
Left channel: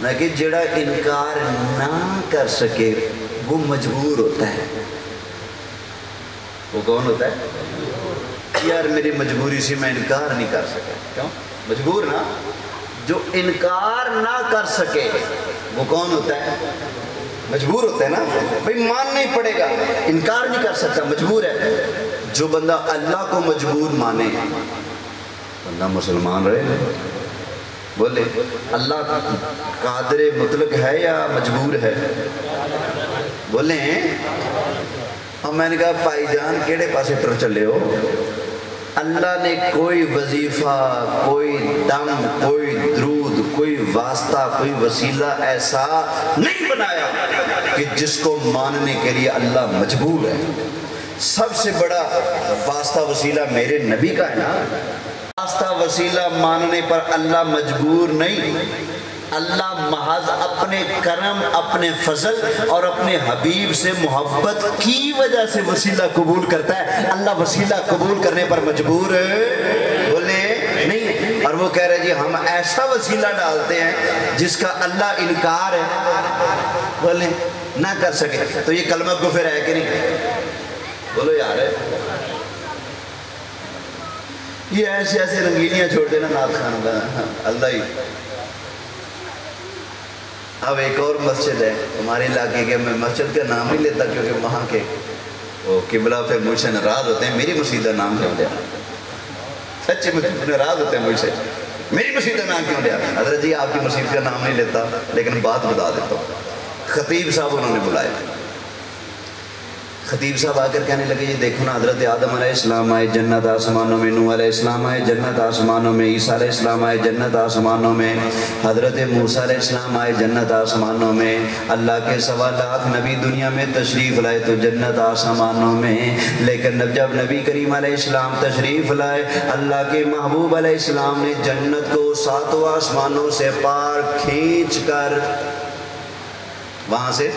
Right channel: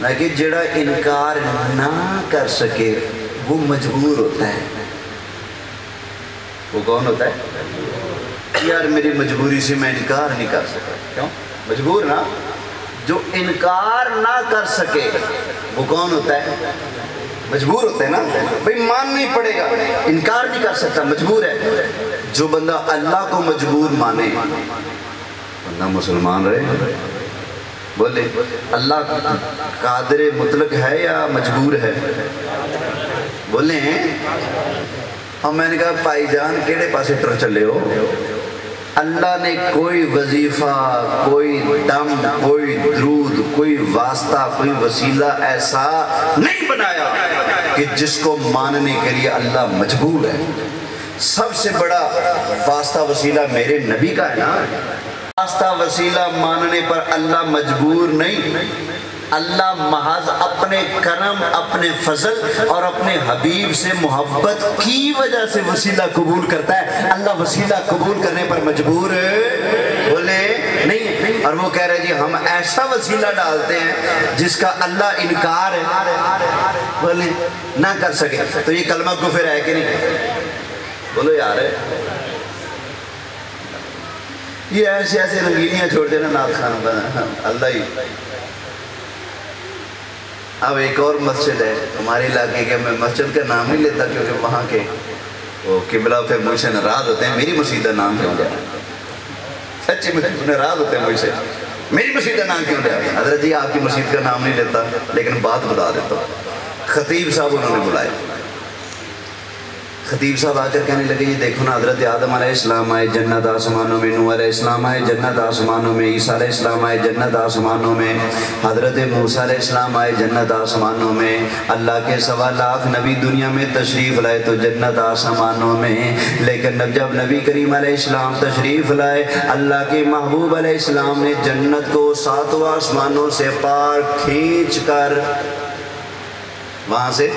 نہ کہ جڑا انکار نہ کر سکے وہ مجبور ہوتا ہے۔ وہ کون ہوتا ہے؟ یار میری مجبوری سے میں انکار نہیں کر سکتا۔ کیوں؟ مجبور نا۔ جو انکار نہ کر سکے وہ کون ہوتا ہے؟ مجبور ہوتا ہے نا، بھئی مان نہیں پڑے گا، انکار نہیں کر سکتا، مجبور ہے۔ جو بندہ اللہ کو مجبور مانے بندہ مسلمان رہے۔ بولے اللہ قادر مطلق ہے یا مجبور ہے؟ بولیں۔ اور میں نے کہا بھائی جان کیڑے پاسے ٹر چلے ہو؟ اللہ نے کوئی وظیفہ، کوئی دم، کوئی درود، کوئی واسطہ، کوئی وسیلہ ایسا نہیں بنایا کہ جس کو ماننے کے لیے اللہ مجبور ہے۔ سب سے بڑا واسطہ وسیلہ میرے نبی کا ہے نا۔ واسطہ وسیلہ ماننے پر اللہ مجبور نہیں، اللہ محض اپنے کرم، اپنے فضل اور اپنے حبیب سے محبت کی وجہ سے وسیلہ قبول کرتا ہے۔ اللہ وسیلہ قبول کرنے پر مجبور بولے نہیں۔ اور وہ کہہ رہے جی ہم ایسا وسیلہ ڈالتے ہیں جس کا اللہ انکار ہے بولے نہ کر سکے، تو یہ کلمہ کفر ہے کہ نہیں؟ بولو یار ہے۔ یہ ایسے ایسے رنگینیاں چھوڑ دینا نعت خان اللہ ہی۔ اب ایک اور مسجد ہے ہمارے علاقے کے، میں مسجد کا نام نہیں لیتا کیونکہ وہاں کے وہ قبلہ ہوتے ہیں مجھ سے ناراض ہوتے ہیں، میری مسجد کا نام کیوں دیا؟ سچی میں ناراض ہوتے ہیں مجھ سے، میری مسجد کا نام کیوں دیا؟ حضرت جی آپ کی مسجد کا نام نہیں لیتا لیکن بات بتا دیتا ہوں۔ خطیب صاحب انہوں نے بلائے، خطیب صاحب آ کر کہنے لگے جی دیکھو نا حضرت آدم علیہ السلام آئے جنت آسمانوں میں، نوح علیہ السلام آئے جنت آسمانوں میں، عیسیٰ علیہ السلام آئے جنت آسمانوں میں، حضرت موسیٰ علیہ السلام آئے جنت آسمانوں میں، اللہ کے 1.25 لاکھ نبی دنیا میں تشریف لائے تو جنت آسمانوں میں، لیکن جب نبی کریم علیہ السلام تشریف لائے اللہ کے محبوب علیہ السلام نے جنت کو 7 آسمانوں سے پار کھینچ کر وہاں سے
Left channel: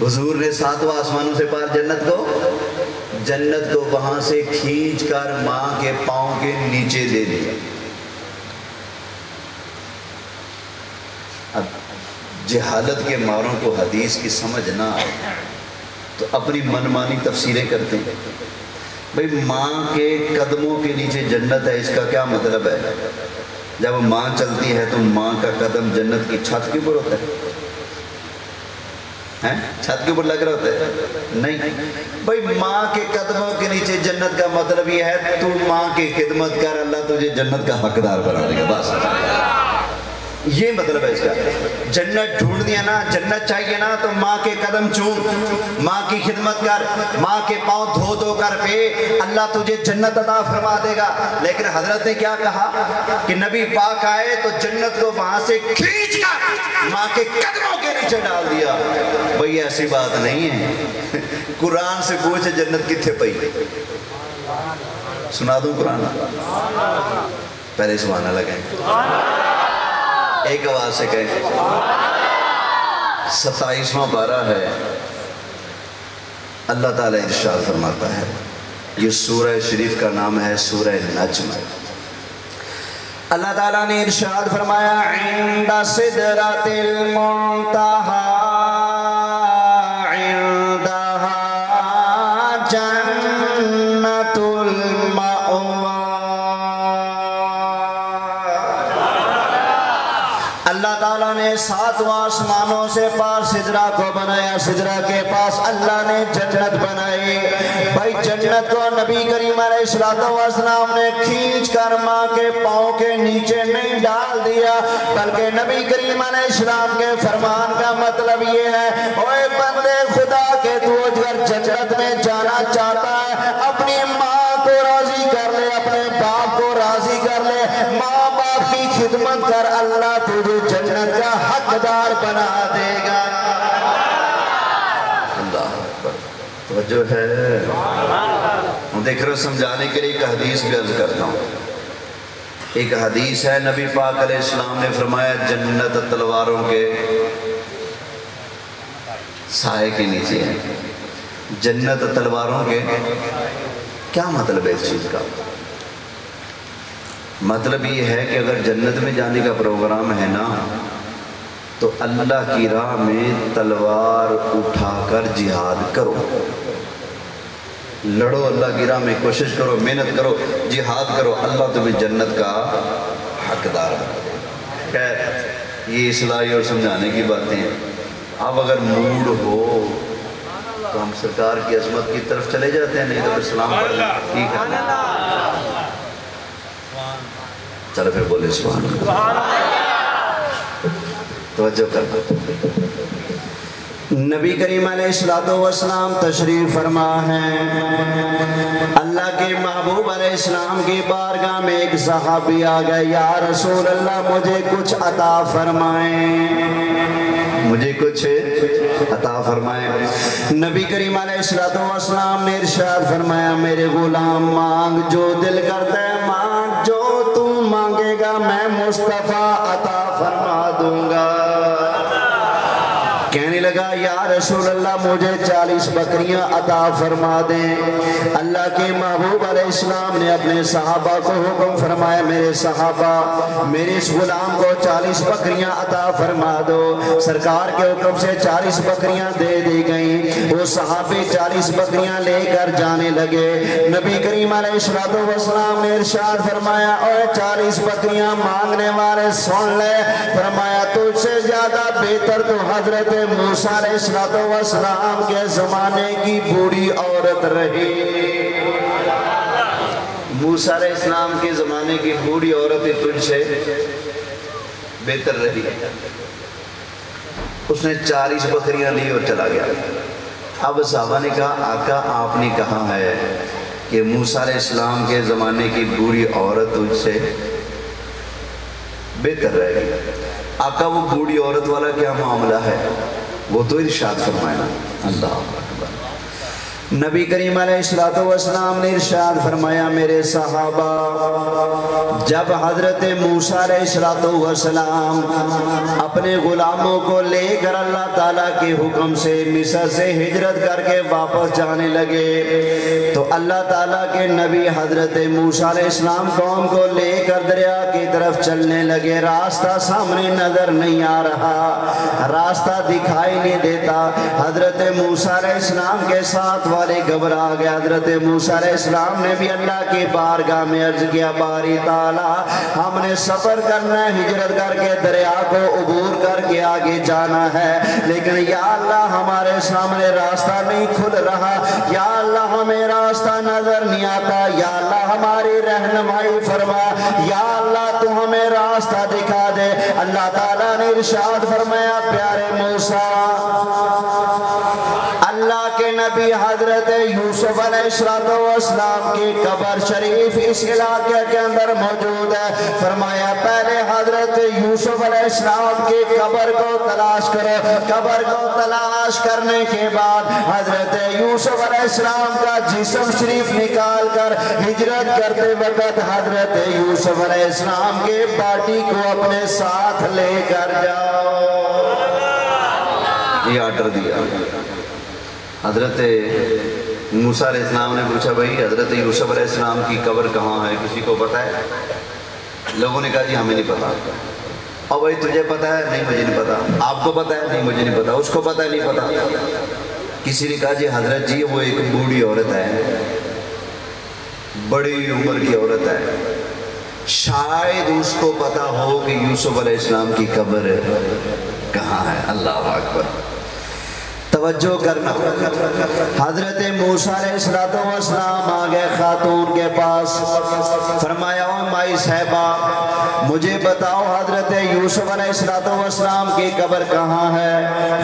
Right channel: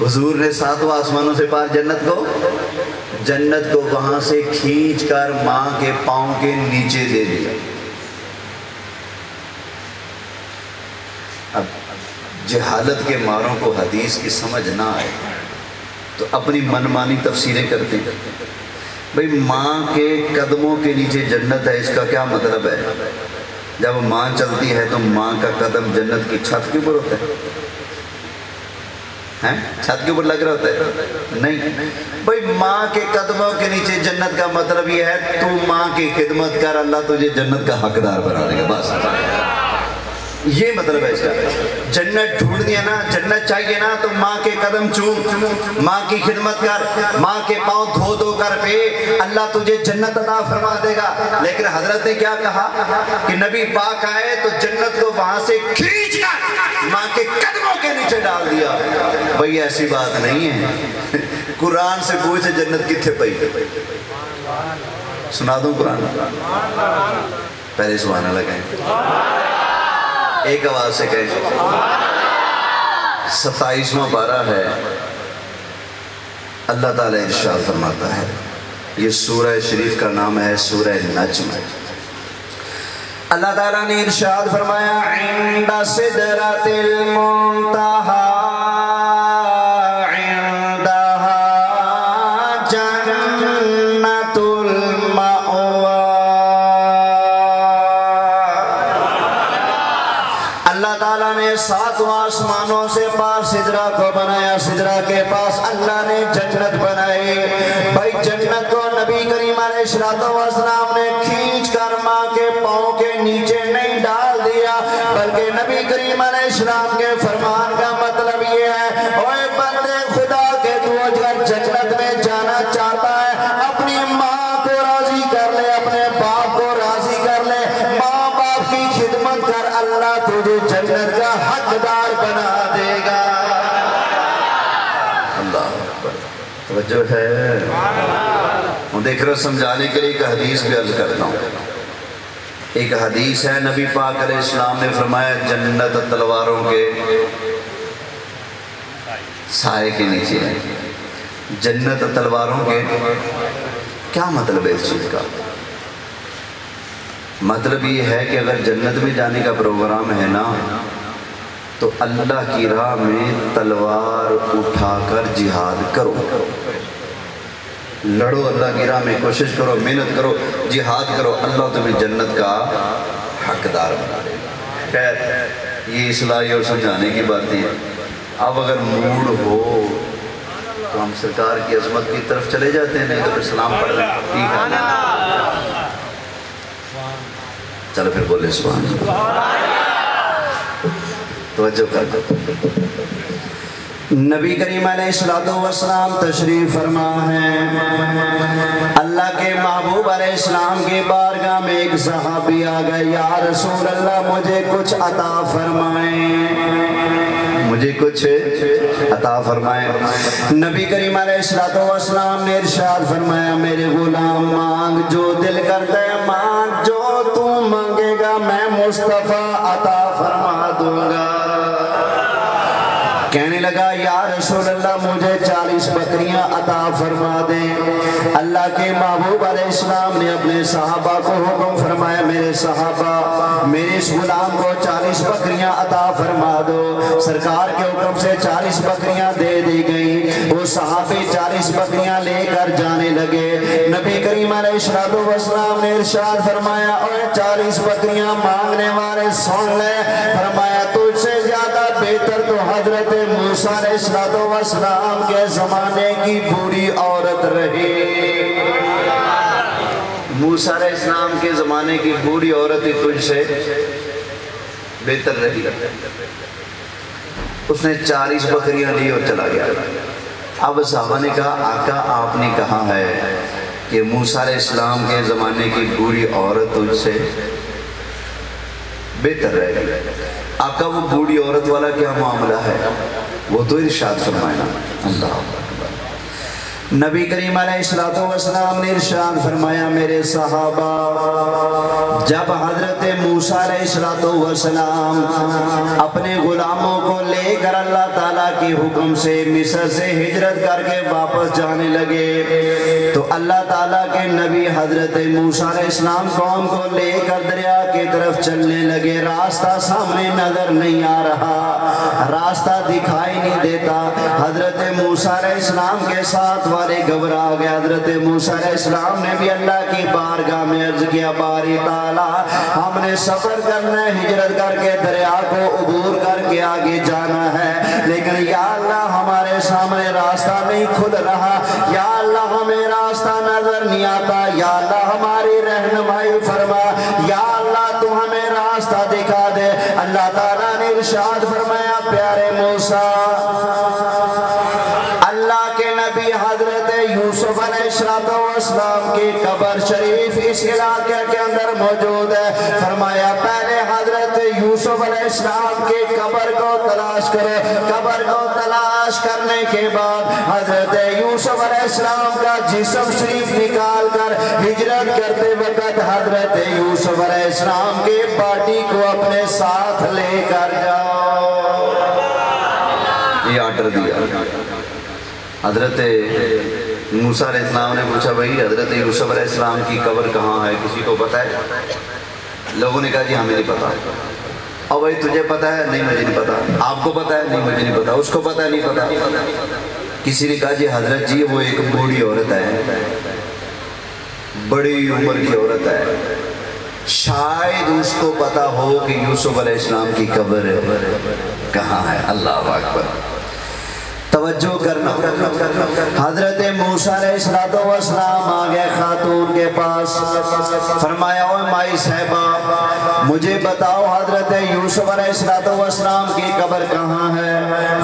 حضور نے 7 آسمانوں سے پار جنت کو وہاں سے کھینچ کر ماں کے پاؤں کے نیچے دے دیا۔ اب جہالت کے ماروں کو حدیث کی سمجھ نہ آئے تو اپنی منمانی تفسیریں کرتے ہیں۔ بھئی ماں کے قدموں کے نیچے جنت ہے، اس کا کیا مطلب ہے؟ جب ماں چلتی ہے تو ماں کا قدم جنت کی چھت کے اوپر ہوتا ہے، چھت کے اوپر لگ رہا ہوتا ہے؟ نہیں بھائی، ماں کے قدموں کے نیچے جنت کا مطلب یہ ہے تو ماں کی خدمت کر، اللہ تجھے جنت کا حقدار بنا دے گا، بس یہ مطلب ہے اس کا۔ جنت ڈھونڈنی ہے نا، جنت چاہیے نا، تو ماں کے قدم چوم، ماں کی خدمت کر، ماں کے پاؤں دھو دھو کر پہ، اللہ تجھے جنت عطا فرما دے گا۔ لیکن حضرت نے کیا کہا کہ نبی پاک آئے تو جنت کو وہاں سے کھینچ کر ماں کے قدموں کے نیچے ڈال دیا۔ بھئی ایسی بات نہیں ہے، قرآن سے پوچھے جنت کتنے پئی، سنا دوں قرآن؟ پہلے سبحان اللہ کہیں، ایک آواز سے کہیں، 27واں پارہ ہے، اللہ تعالیٰ ارشاد فرماتا ہے، یہ سورہ شریف کا نام ہے سورہ نجم۔ اللہ تعالیٰ نے ارشاد فرمایا، عند سدرۃ المنتہی ساتواں آسمانوں سے پاس سدرہ کو بنایا، سدرہ کے پاس اللہ نے جنت بنائی۔ بھائی جنت کو نبی کریم علیہ السلام نے کھینچ کر ماں کے پاؤں کے نیچے نہیں ڈال دیا، بلکہ نبی کریم علیہ السلام کے فرمان کا مطلب یہ ہے، اوے بندے خدا کے، تو اگر جنت میں جانا چاہتا ہے اپنی ماں کو راضی کر لے، اپنے باپ کو راضی کر لے، ماں باپ کی خدمت کر، اللہ تجھے جنت کا حقدار بنا دے گا۔ اللہ اکبر، توجہ ہے؟ ہوں دیکھ رہے سمجھانے کے لیے ایک حدیث بھی عرض کرتا ہوں۔ ایک حدیث ہے، نبی پاک علیہ السلام نے فرمایا جنت تلواروں کے سائے کے نیچے ہے۔ جنت تلواروں کے کیا مطلب ہے اس چیز کا؟ مطلب یہ ہے کہ اگر جنت میں جانے کا پروگرام ہے نا تو اللہ کی راہ میں تلوار اٹھا کر جہاد کرو، لڑو، اللہ کی راہ میں کوشش کرو، محنت کرو، جہاد کرو، اللہ تمہیں جنت کا حقدار بنا دے گا۔ خیر یہ اصلاحی اور سمجھانے کی باتیں ہیں۔ اب اگر موڈ ہو تو ہم سرکار کی عظمت کی طرف چلے جاتے ہیں، نہیں تو سلام پڑھ لیں، ٹھیک ہے نا؟ چلو پھر بولے سبحان اللہ، توجہ کر دو۔ نبی کریم علیہ السلام تشریف فرما ہے، اللہ کے محبوب علیہ السلام کی بارگاہ میں ایک صحابی آ گئے، یا رسول اللہ مجھے کچھ عطا فرمائیں، مجھے کچھ عطا فرمائیں۔ نبی کریم علیہ السلام نے ارشاد فرمایا، میرے غلام مانگ جو دل کرتا ہے مانگ، جو تو مانگے گا میں مصطفیٰ عطا فرما دوں گا۔ کہنے لگا یا رسول اللہ مجھے 40 بکریاں عطا فرما دیں۔ اللہ کے محبوب علیہ السلام نے اپنے صحابہ کو حکم فرمایا، میرے صحابہ میرے اس غلام کو 40 بکریاں عطا فرما دو۔ سرکار کے حکم سے 40 بکریاں دے دی گئیں۔ وہ صحابی 40 بکریاں لے کر جانے لگے۔ نبی کریم علیہ السلام نے ارشاد فرمایا، اور 40 بکریاں مانگنے والے سن لے، فرمایا تجھ سے زیادہ بہتر تو حضرت موسیٰ علیہ السلام کے زمانے کی بوڑھی عورت رہی۔ موسیٰ علیہ السلام کے زمانے کی بوڑھی عورت ہی تجھ سے بہتر رہی۔ اس نے 40 بکریاں لی اور چلا گیا۔ اب صحابہ نے کہا آقا آپ نے کہا ہے کہ موسیٰ علیہ السلام کے زمانے کی بوڑھی عورت تجھ سے بہتر رہے گی، آقا وہ بوڑھی عورت والا کیا معاملہ ہے؟ وہ تو ارشاد فرمایا۔ اللہ اکبر۔ نبی کریم علیہ السلام نے ارشاد فرمایا، میرے صحابہ جب حضرت موسیٰ علیہ السلام اپنے غلاموں کو لے کر اللہ تعالیٰ کے حکم سے مصر سے ہجرت کر کے واپس جانے لگے تو اللہ تعالیٰ کے نبی حضرت موسیٰ علیہ السلام قوم کو لے کر دریا کی طرف چلنے لگے۔ راستہ سامنے نظر نہیں آ رہا، راستہ دکھائی نہیں دیتا۔ حضرت موسیٰ علیہ السلام کے ساتھ والے گھبرا گئے. حضرت موسیٰ علیہ السلام نے بھی اللہ کی بارگاہ میں عرض کیا باری تعالیٰ ہم نے سفر کرنا ہے, ہجرت کر کے دریا کو عبور کر کے آگے جانا ہے, لیکن یا اللہ ہمارے سامنے راستہ نہیں کھل رہا, یا اللہ ہمیں راستہ نظر نہیں آتا, یا اللہ ہماری رہنمائی فرما, یا اللہ تو ہمیں راستہ دکھا دے. اللہ تعالیٰ نے ارشاد فرمایا پیارے موسیٰ, اللہ کے نبی حضرت یوسف علیہ السلام کی قبر شریف اس علاقے کے اندر موجود ہے. فرمایا پہلے حضرت یوسف علیہ السلام کی قبر کو تلاش کرو. قبر کو تلاش کرنے کے بعد حضرت یوسف علیہ السلام کا جسم شریف نکال کر ہجرت کرتے وقت حضرت یوسف علیہ السلام کے باڈی کو اپنے ساتھ لے کر جاؤ. یہ آرڈر دیا. حضرت موسیٰ علیہ السلام نے پوچھا بھائی حضرت یوسف علیہ السلام کی قبر کہاں ہے, کسی کو پتا ہے؟ لوگوں نے کہا جی ہمیں نہیں پتا. اور بھائی تجھے پتا ہے؟ نہیں مجھے نہیں پتا. آپ کو پتا ہے؟ نہیں مجھے نہیں پتا. اس کو پتا ہے؟ نہیں پتا. کسی نے کہا جی حضرت جی وہ ایک بوڑھی عورت ہے, بڑی عمر کی عورت ہے, شاید اس کو پتا ہو کہ یوسف علیہ السلام کی قبر کہاں ہے. اللہ اکبر. توجہ کرنا. حضرت موسیٰ علیہ السلام آگئے خاتون کے پاس. فرمایا اوہ مائی صاحبہ مجھے بتاؤ حضرت یوسف علیہ السلام کی قبر کہاں ہے؟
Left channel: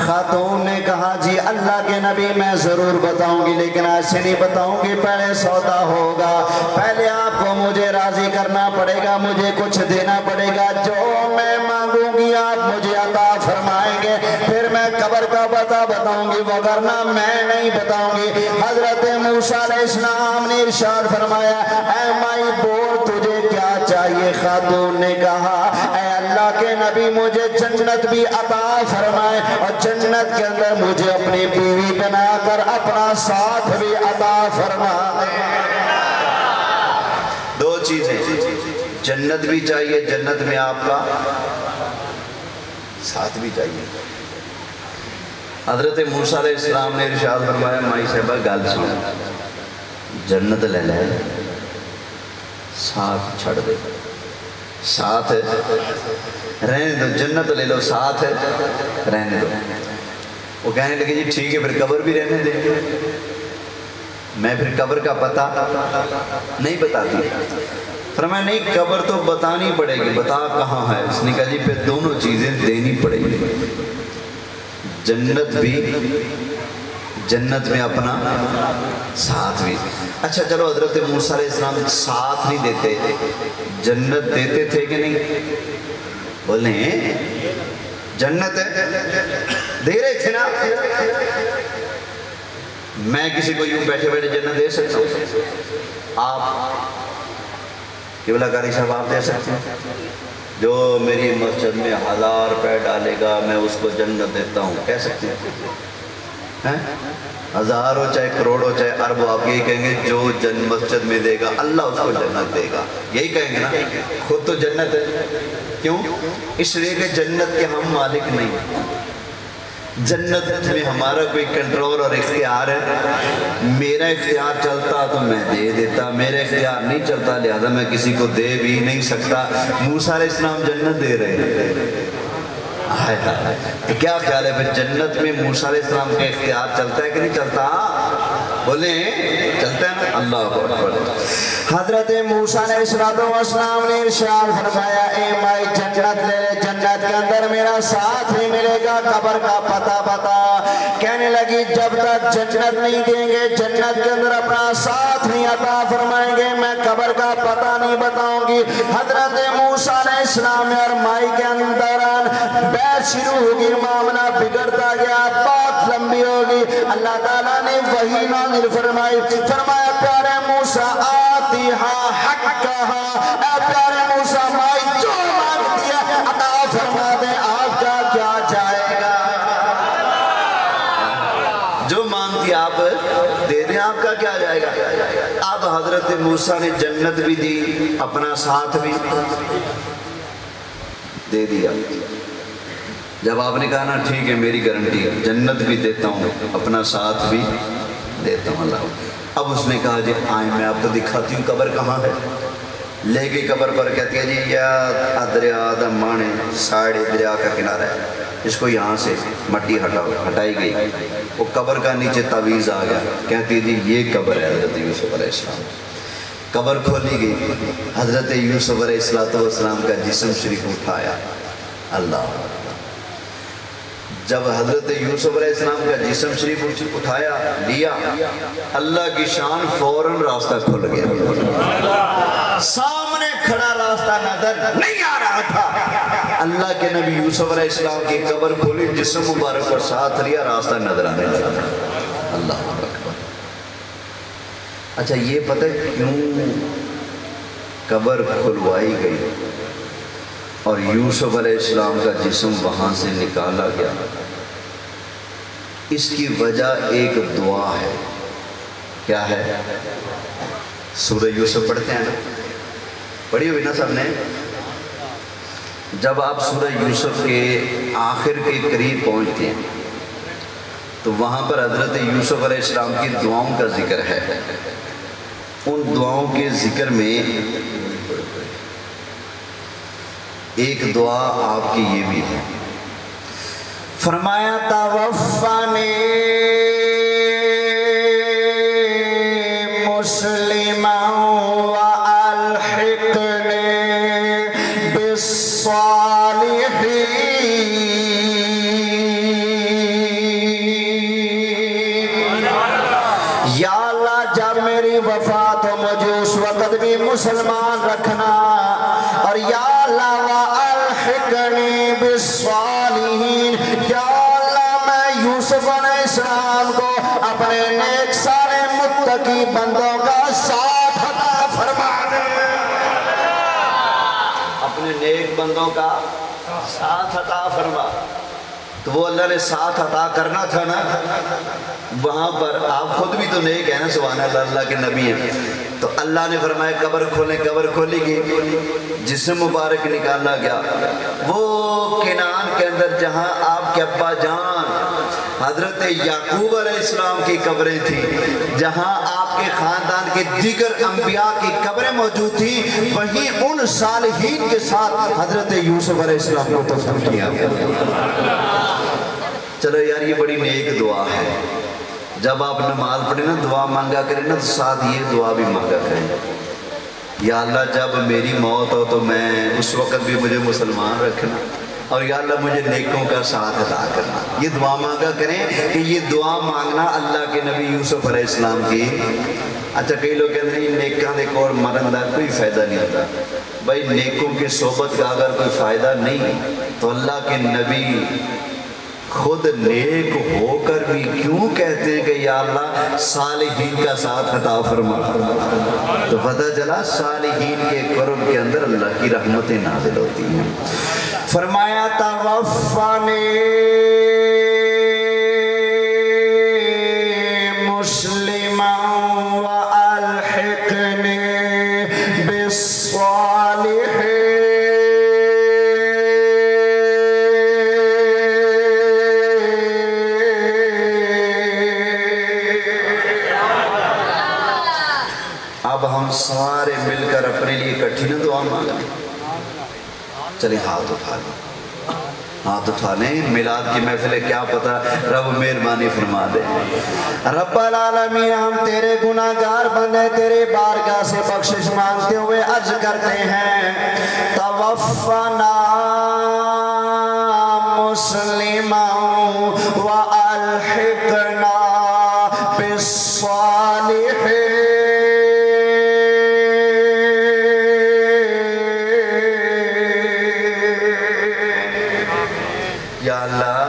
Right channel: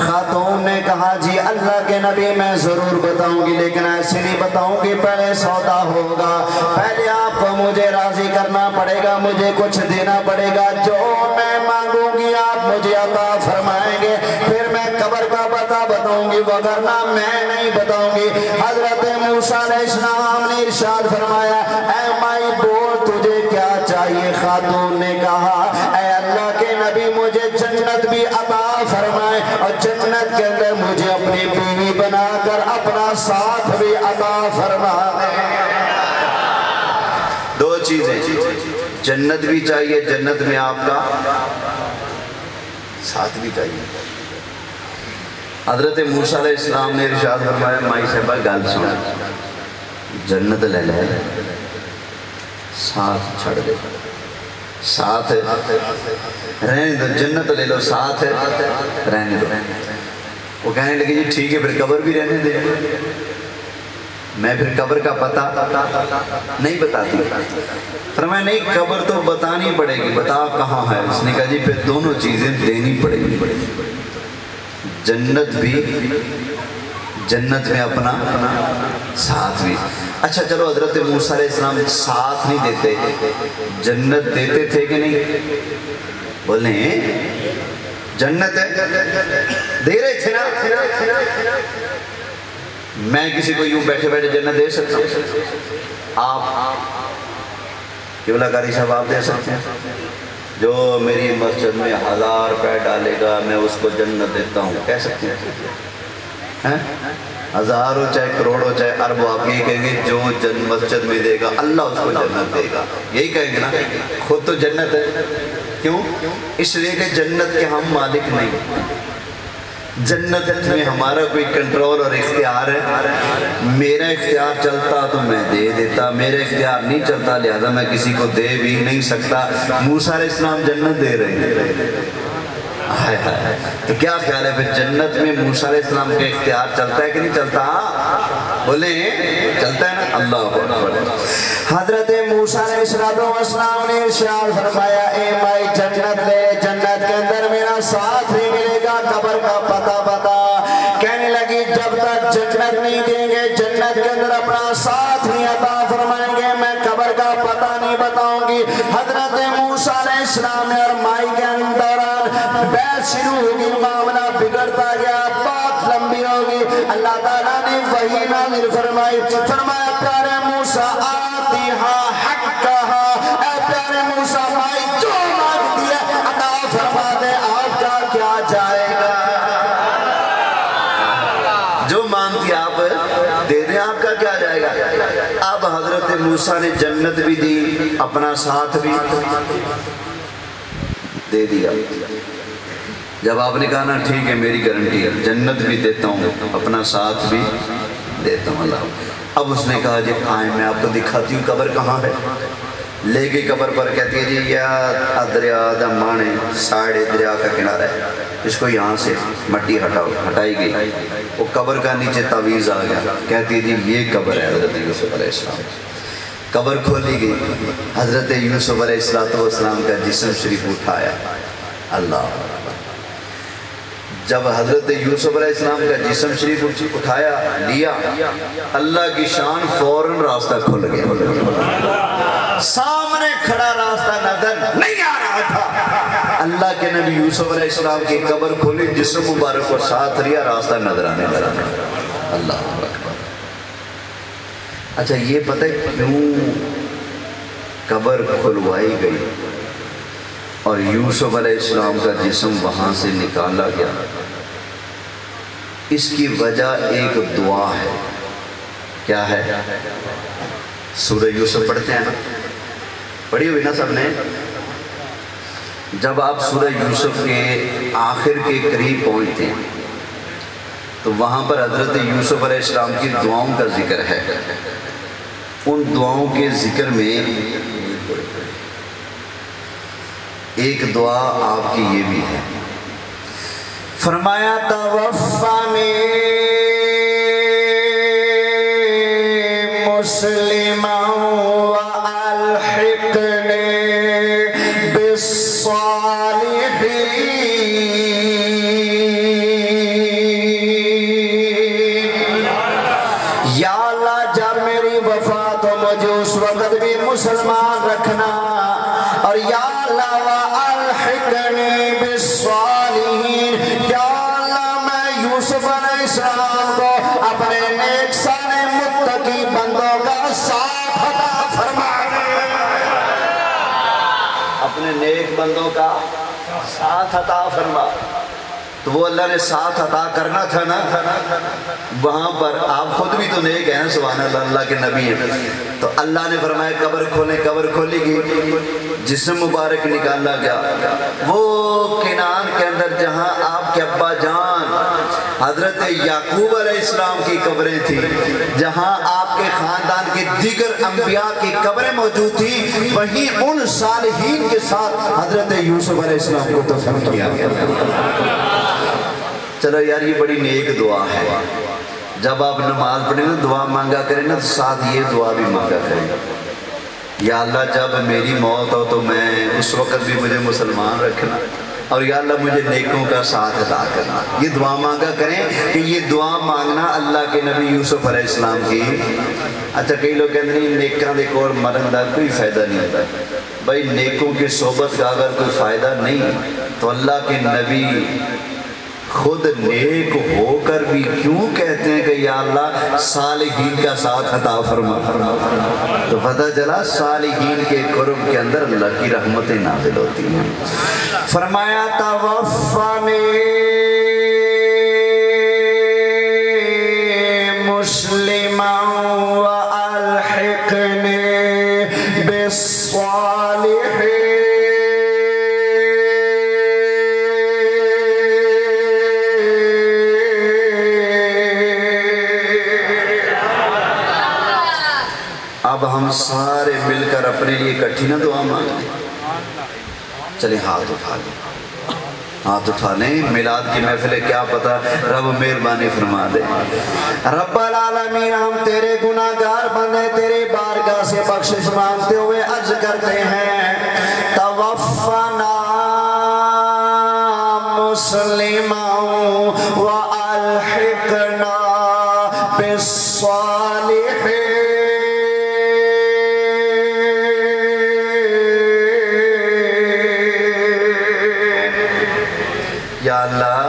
خاتون نے کہا جی اللہ کے نبی میں ضرور بتاؤں گی, لیکن ایسے نہیں بتاؤں گی, پہلے سودا ہوگا. پہلے آپ کو مجھے راضی کرنا پڑے گا, مجھے کچھ دینا پڑے گا. جو میں مانگوں گی آپ مجھے عطا فرمائیں گے, پھر میں قبر کا پتہ بتاؤں گی, وگرنہ میں نہیں بتاؤں گی. حضرت موسیٰ علیہ السلام نے ارشاد فرمایا اے مائی بول تجھے کیا چاہیے؟ خاتون نے کہا اے اللہ کے نبی مجھے جنت بھی عطا فرمائے, اور جنت کے اندر مجھے اپنی بیوی بنا کر اپنا ساتھ بھی عطا فرمائے. دو چیزیں, جنت بھی چاہیے, جنت میں آپ کا ساتھ بھی چاہیے. حضرت موسیٰ علیہ السلام نے ارشاد فرمایا مائی صاحبہ گل سن, جنت لے لے ساتھ چھڑ دے, ساتھ رہنے دو, جنت لے لو ساتھ رہنے دو. وہ کہنے لگے جی ٹھیک ہے پھر قبر بھی رہنے دے. میں پھر قبر کا پتہ نہیں بتاتی. فرمایا نہیں قبر تو بتانی پڑے گی, بتا کہاں ہے. اس نے کہا جی پھر دونوں چیزیں دینی پڑے گی, جنت بھی, جنت میں اپنا ساتھ بھی. اچھا چلو حضرت موسیٰ علیہ السلام ساتھ نہیں دیتے, جنت دیتے تھے کہ نہیں؟ بولیں جنت دے رہے تھے نا. میں کسی کو یوں بیٹھے بیٹھے جنت دے سکتا ہوں؟ آپ قبلہ کاری صاحب آپ دے سکتے ہیں؟ جو میری مسجد میں 1000 روپے ڈالے گا میں اس کو جنت دیتا ہوں, کہہ سکتے ہیں؟ ہزاروں چاہے کروڑوں چاہے اربوں, آپ یہی کہیں گے جو مسجد میں دے گا اللہ اس کو جنت دے گا, یہی کہیں گے نا. خود تو جنت ہے. کیوں؟ اس لیے کہ جنت کے ہم مالک نہیں, جنت میں ہمارا کوئی کنٹرول اور اختیار ہے. میرا اختیار چلتا تو میں دے دیتا, میرا اختیار نہیں چلتا لہذا میں کسی کو دے بھی نہیں سکتا. موسیٰ علیہ السلام جنت دے رہے ہیں, تو کیا خیال ہے پھر جنت میں موسیٰ علیہ السلام کا اختیار چلتا ہے کہ نہیں چلتا؟ بولیں چلتا ہے نا. اللہ اکبر. حضرت موسیٰ علیہ السلام نے ارشاد فرمایا اے مائی جنت لے, جنت کے اندر میرا ساتھ نہیں ملے گا, قبر کا پتہ بتا. کہنے لگی جب تک جنت نہیں دیں گے, جنت کے اندر اپنا ساتھ نہیں عطا فرمائیں گے, میں قبر کا پتہ نہیں بتاؤں گی. حضرت موسیٰ علیہ السلام اور مائی کے اندر بحث شروع ہوگی, معاملہ بگڑتا گیا, بات لمبی ہوگی. اللہ تعالیٰ نے وحی نازل فرمائی, فرمایا پیارے موسیٰ آتیہا حقہا, اے پیارے موسیٰ مائی جو مانگتی ہے عطا فرما دیں, آپ کا کیا جائے گا, جو مانگتی آپ دے دیں, آپ کا کیا جائے گا. اب حضرت موسیٰ نے جنت بھی دی, اپنا ساتھ بھی دے دیا. جب آپ نے کہا نا ٹھیک ہے میری گارنٹی ہے, جنت بھی دیتا ہوں اپنا ساتھ بھی دیتا ہوں اللہ. اب اس نے کہا جی آئیں میں آپ کو دکھاتی ہوں قبر کہاں ہے. لے کے قبر پر کہتی ہے جی یا دریا دا مانے ساڑھے دریا کا کنارہ ہے, اس کو یہاں سے مٹی ہٹاؤ. ہٹائی گئی, وہ قبر کا نیچے تعویذ آ گیا. کہتی ہے جی یہ قبر ہے حضرت یوسف علیہ السلام. قبر کھولی گئی, حضرت یوسف علیہ السلام کا جسم شریف اٹھایا. اللہ جب حضرت یوسف علیہ السلام کا جسم شریف اٹھایا لیا, اللہ کی شان فوراً راستہ کھل گیا. سامنے کھڑا راستہ نظر نہیں آ رہا تھا. اللہ کے نبی یوسف علیہ السلام کی قبر کھولی, جسم مبارک پر ساتھ لیا, راستہ نظر آنے لگا. اللہ اکبر. اچھا یہ پتہ ہے کیوں قبر کھلوائی گئی اور یوسف علیہ السلام کا جسم وہاں سے نکالا گیا؟ اس کی وجہ ایک دعا ہے. کیا ہے؟ سورہ یوسف پڑھتے ہیں نا, پڑھی ہوئی نا سب نے. جب آپ سورہ یوسف کے آخر کے قریب پہنچتے ہیں تو وہاں پر حضرت یوسف علیہ السلام کی دعاؤں کا ذکر ہے. ان دعاؤں کے ذکر میں ایک دعا آپ کی یہ بھی ہے. فرمایا توفانی مسلما والحقنی بالصالحین. یا اللہ جب میری وفات ہو مجھے اس وقت بھی مسلمان رکھنا, اور یا اللہ والحقنی بالصالحین, یا اللہ میں یوسف علیہ السلام کو اپنے نیک صالح متقی بندوں کا ساتھ عطا فرما دے. اپنے نیک بندوں کا ساتھ عطا فرما. تو وہ اللہ نے ساتھ عطا کرنا تھا نا, وہاں پر آپ خود بھی تو نیک ہیں نا, سبحان اللہ, اللہ کے نبی ہیں. تو اللہ نے فرمایا قبر کھولیں. قبر کھولی گئی, جسم مبارک نکالا گیا. وہ کنان کے اندر جہاں آپ کے ابا جان حضرت یعقوب علیہ السلام کی قبریں تھیں, جہاں آپ کے خاندان کے دیگر انبیاء کی قبریں موجود تھیں, وہیں ان صالحین کے ساتھ حضرت یوسف علیہ السلام کو دفن کیا گیا. چلو یار یہ بڑی نیک دعا ہے. جب آپ نماز پڑھیں نا, دعا مانگا کریں نا, تو ساتھ یہ دعا بھی مانگا کریں, یا اللہ جب میری موت ہو تو میں اس وقت بھی مجھے مسلمان رکھنا, اور یا اللہ مجھے نیکوں کا ساتھ عطا کرنا. یہ دعا مانگا کریں کہ یہ دعا مانگنا اللہ کے نبی یوسف علیہ السلام کی. اچھا کئی لوگ کہتے ہیں نیکاں دے کول مرن دا کوئی فائدہ نہیں ہوتا. بھائی نیکوں کی صحبت کا اگر کوئی فائدہ نہیں تو اللہ کے نبی خود نیک ہو کر بھی کیوں کہتے ہیں کہ یا اللہ صالحین کا ساتھ عطا فرما. تو پتہ چلا صالحین کے قرب کے اندر اللہ کی رحمتیں نازل ہوتی ہیں. فرمایا توفانی مسلما والحقنی بالصالحین. اب ہم سارے مل کر اپنے لیے اکٹھی نہ دعا مانگیں. چلیں ہاتھ اٹھا لیں, ہاتھ اٹھا لیں. میلاد کی محفل ہے, کیا پتہ رب مہربانی فرما دے. رب العالمین ہم تیرے گناہ گار بندے تیرے بارگاہ سے بخشش مانگتے ہوئے عرض کرتے ہیں توفنا مسلما والحقنا بالصالحین. یا اللہ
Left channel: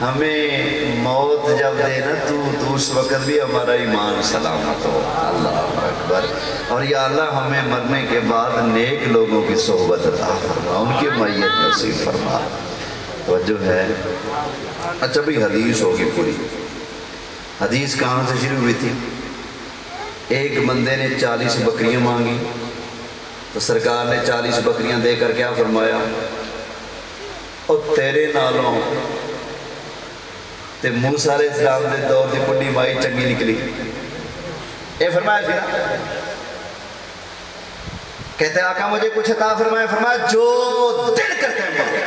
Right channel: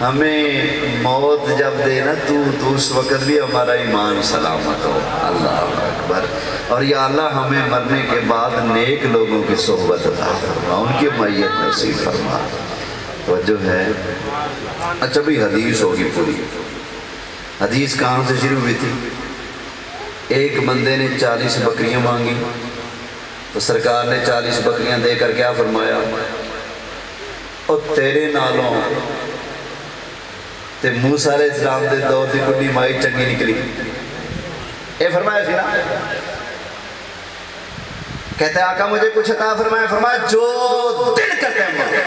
ہمیں موت جب دے نا تو اس وقت بھی ہمارا ایمان سلامت ہو. اللہ اکبر. اور یا اللہ ہمیں مرنے کے بعد نیک لوگوں کی صحبت عطا فرما, ان کی معیت نصیب فرما. توجہ ہے. اچھا بھئی حدیث ہوگی پوری. حدیث کہاں سے شروع ہوئی تھی؟ ایک بندے نے 40 بکریاں مانگی تو سرکار نے 40 بکریاں دے کر کیا فرمایا, اور تیرے نالوں تے موسیٰ علیہ السلام دے دور دی بڑی مائی چنگی نکلی. اے فرمایا سی نا, کہتے ہیں آقا مجھے کچھ عطا فرمایا. فرمایا جو دل کرتے ہیں مانگے.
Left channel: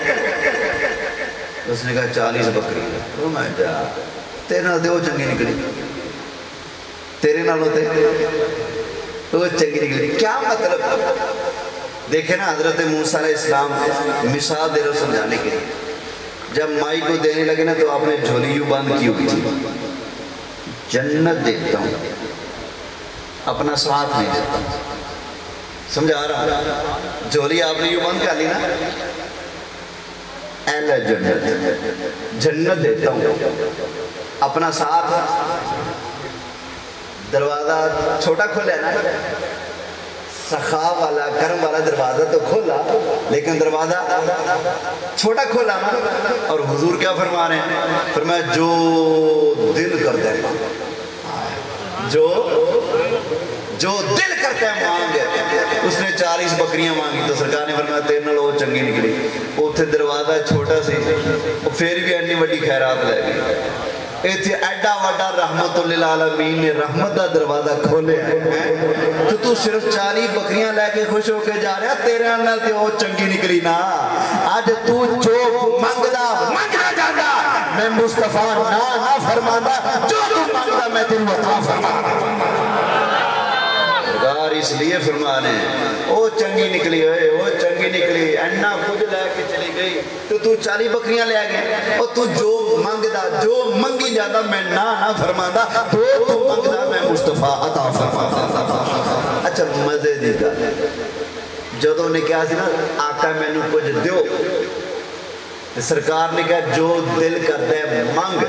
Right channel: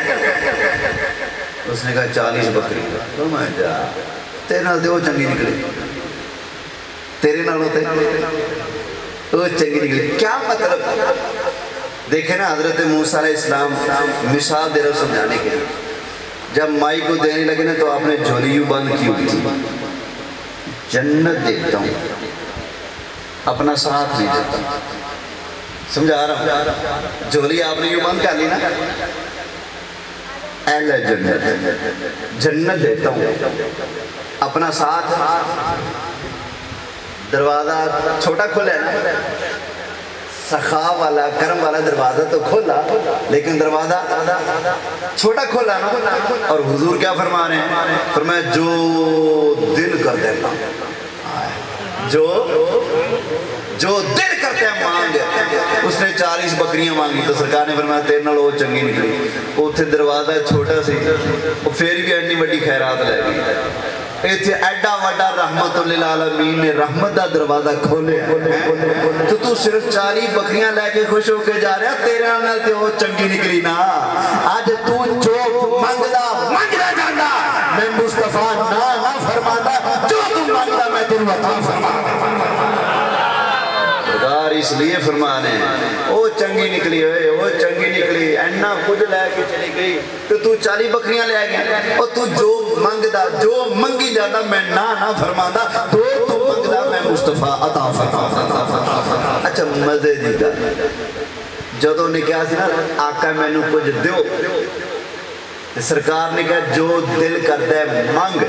اس نے کہا 40 بکری. فرمایا جا تیرے نال دے وہ چنگی نکلی, تیرے نال ہوتے وہ چنگی نکلی. کیا مطلب؟ دیکھیں نا حضرت موسیٰ علیہ السلام مثال دے رہے سمجھانے کے لیے. جب مائی کو دینے لگے نا تو آپ نے جھولی یوں بند کی ہوئی تھی, جنت دیکھتا ہوں اپنا ساتھ نہیں دیتا. سمجھا رہا ہوں؟ جھولی آپ نے یوں بند کر لی نا, اہل جنت, جنت دیتا ہوں اپنا ساتھ. دروازہ چھوٹا کھولا ہے نا, سخا والا کرم والا دروازہ تو کھولا, لیکن دروازہ چھوٹا کھولا نا. اور حضور کیا فرما رہے ہیں؟ فرمایا جو دل کر دیتا, جو دل کرتے ہیں مانگ گیا. اس نے 40 بکریاں مانگی تو سرکار نے فرمایا تیرے نال وہ چنگی نکلی. اتنے دروازہ چھوٹا سی, وہ پھر بھی اینی وڈی خیرات لے گئی. ایتھے ایڈا وڈا رحمت للعالمین نے رحمت دا دروازہ کھولے تو تو صرف 40 بکریاں لے کے خوش ہو کے جا رہا. تیرے نال تے وہ چنگی نکلی نا. اج تو جو منگدا جاندا میں مصطفیٰ نہ فرماندا, جو تو منگدا میں تینوں عطا فرمانا. اس لیے فرمانے وہ چنگی نکلی ہوئے, وہ چنگی نکلی, اینا کچھ لے کے چلی گئی تو 40 بکریاں لے گئی. اور تو جو منگدا, جو منگی جاتا میں نہ فرماندا, تو منگدا میں مصطفیٰ عطا فرمانا. اچھا مزے دی گل, جدوں نے کہا سی نا آقا مینوں کچھ دیو, سرکار نے کہا جو دل کردا ہے منگ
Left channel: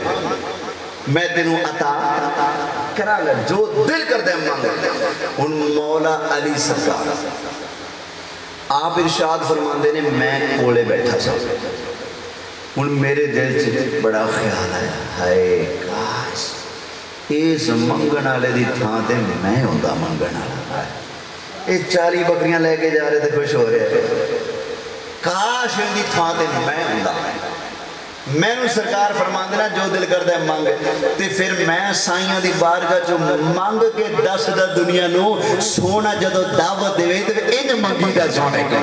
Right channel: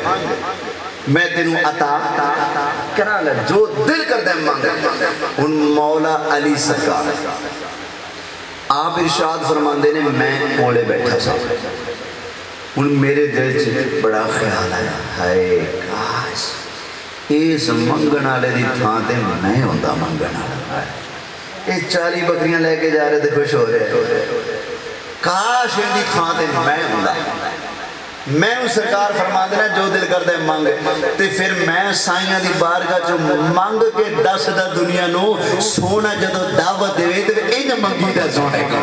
میں تینوں عطا کرا گا, جو دل کردا ہے منگ. ان مولا علی سرکار آپ ارشاد فرماندے نے میں کولے بیٹھا سا, ان میرے دل سے بڑا خیال آیا, ہائے کاش اس منگن والے دی تھاں تے میں ہوندا منگن والا. یہ 40 بکریاں لے کے جا رہے تھے خوش ہو رہے, کاش ان دی تھاں تے میں ہوندا. میں سرکار فرما دینا جو دل کرتا ہے مانگ, تے پھر میں سائنہ دی بارگاہ جو مانگ کے دس دا دنیا نو سونا جدو دعوت دے تو ان منگی دا سونے کا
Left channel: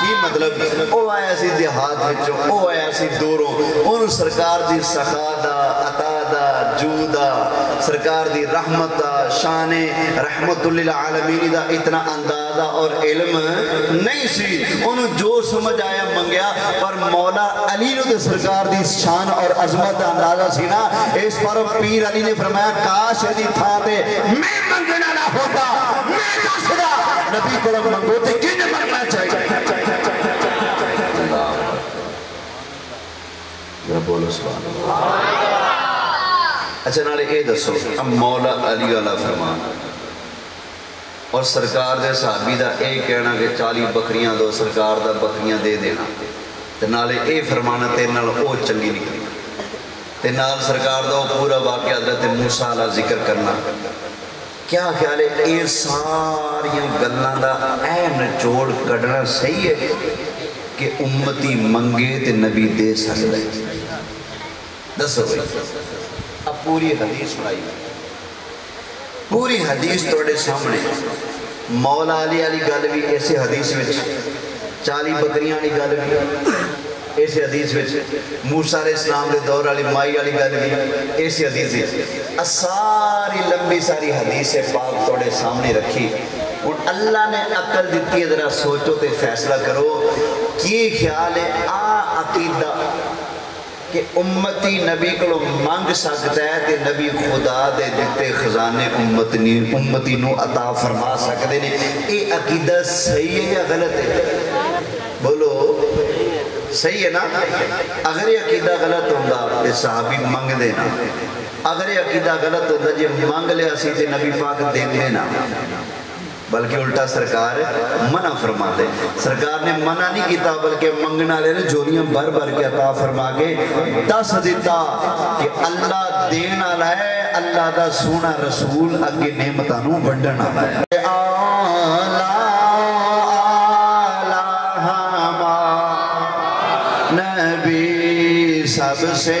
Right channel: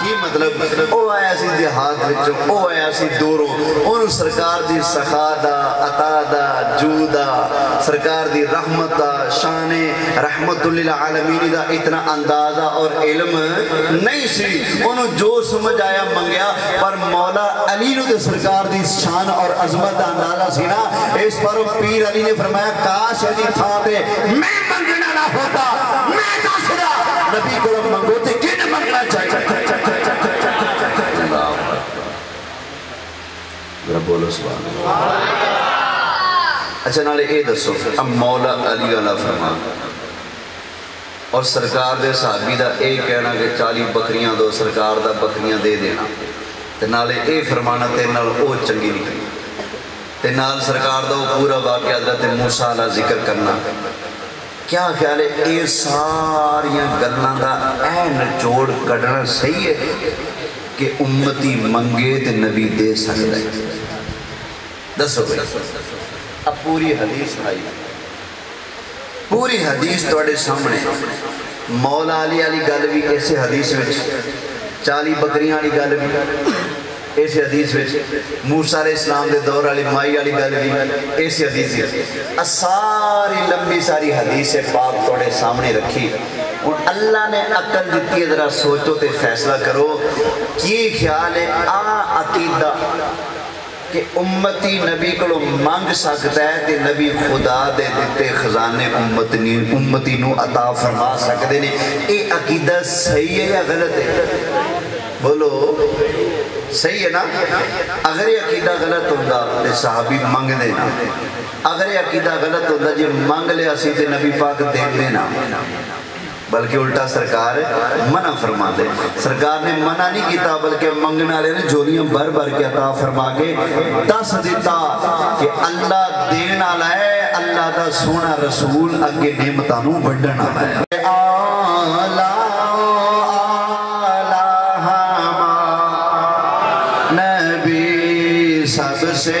کی مطلب. او آیا سی دیہات وچوں, او آیا سی دوروں, ان سرکار دی سخا دا, عطا دا, جو دا, سرکار دی رحمت دا, شان رحمت للعالمین دا اتنا اندازہ اور علم نہیں سی. انہوں جو سمجھ آیا منگیا, پر مولا علی نو دے سرکار دی شان اور عظمت دا اندازہ سی نا. اس پر پیر علی نے فرمایا کاش ایدی تھا دے میں منگنا نہ ہوتا, میں نہ سدا نبی کو منگو تے کن منگنا چاہیے. بولو سبحان اللہ. اچھا نالے اے دسو, اب مولا علی والا فرمان اور سرکار دے صحابی دا اے کہنا کہ 40 بکریاں دو, سرکار دا بکریاں دے دینا, تے نالے اے فرمانا تے نال او چنگی نکلی, تے نال سرکار دا پورا واقعہ حضرت موسیٰ علیہ ذکر کرنا. کیا خیال ہے اے ساریاں گلاں دا اے نچوڑ کڈنا صحیح ہے کہ امتی منگے تے نبی دے سکتا ہے؟ دسو بھائی, اب پوری حدیث سنائی, پوری حدیث توڑے سامنے. مولا علی علی گل بھی ایسے حدیث میں, 40 بکریاں علی گل بھی ایسے حدیث میں, موسیٰ علیہ السلام دے دور علی مائی علی گل بھی ایسے حدیث میں. ساری لمبی ساری حدیث پاک توڑے سامنے رکھی. اور اللہ نے عقل دیتی ہے, ذرا سوچو تے فیصلہ کرو کی خیال ہے آ عقیدہ کہ امتی نبی کو مانگ سکتا ہے تے نبی خدا دے دیتے خزانے امتی نو عطا فرما سکتے ہیں. اے عقیدہ صحیح ہے یا غلط ہے؟ بولو صحیح ہے نا. اگر یہ عقیدہ غلط ہوتا تے صحابی مانگ دینا, اگر یہ عقیدہ غلط ہوتا جی مانگ لیا سی تے نبی پاک دے دینا, بلکہ الٹا سرکار منع فرما دے. سرکار نے منع نہیں کیتا بلکہ منگنا لے نے جولیاں بھر بھر کے عطا فرما کے دس دیتا کہ اللہ دین آلا ہے, اللہ دا سونا رسول اگے نعمتانوں ونڈن آلا ہے. نبی سب سے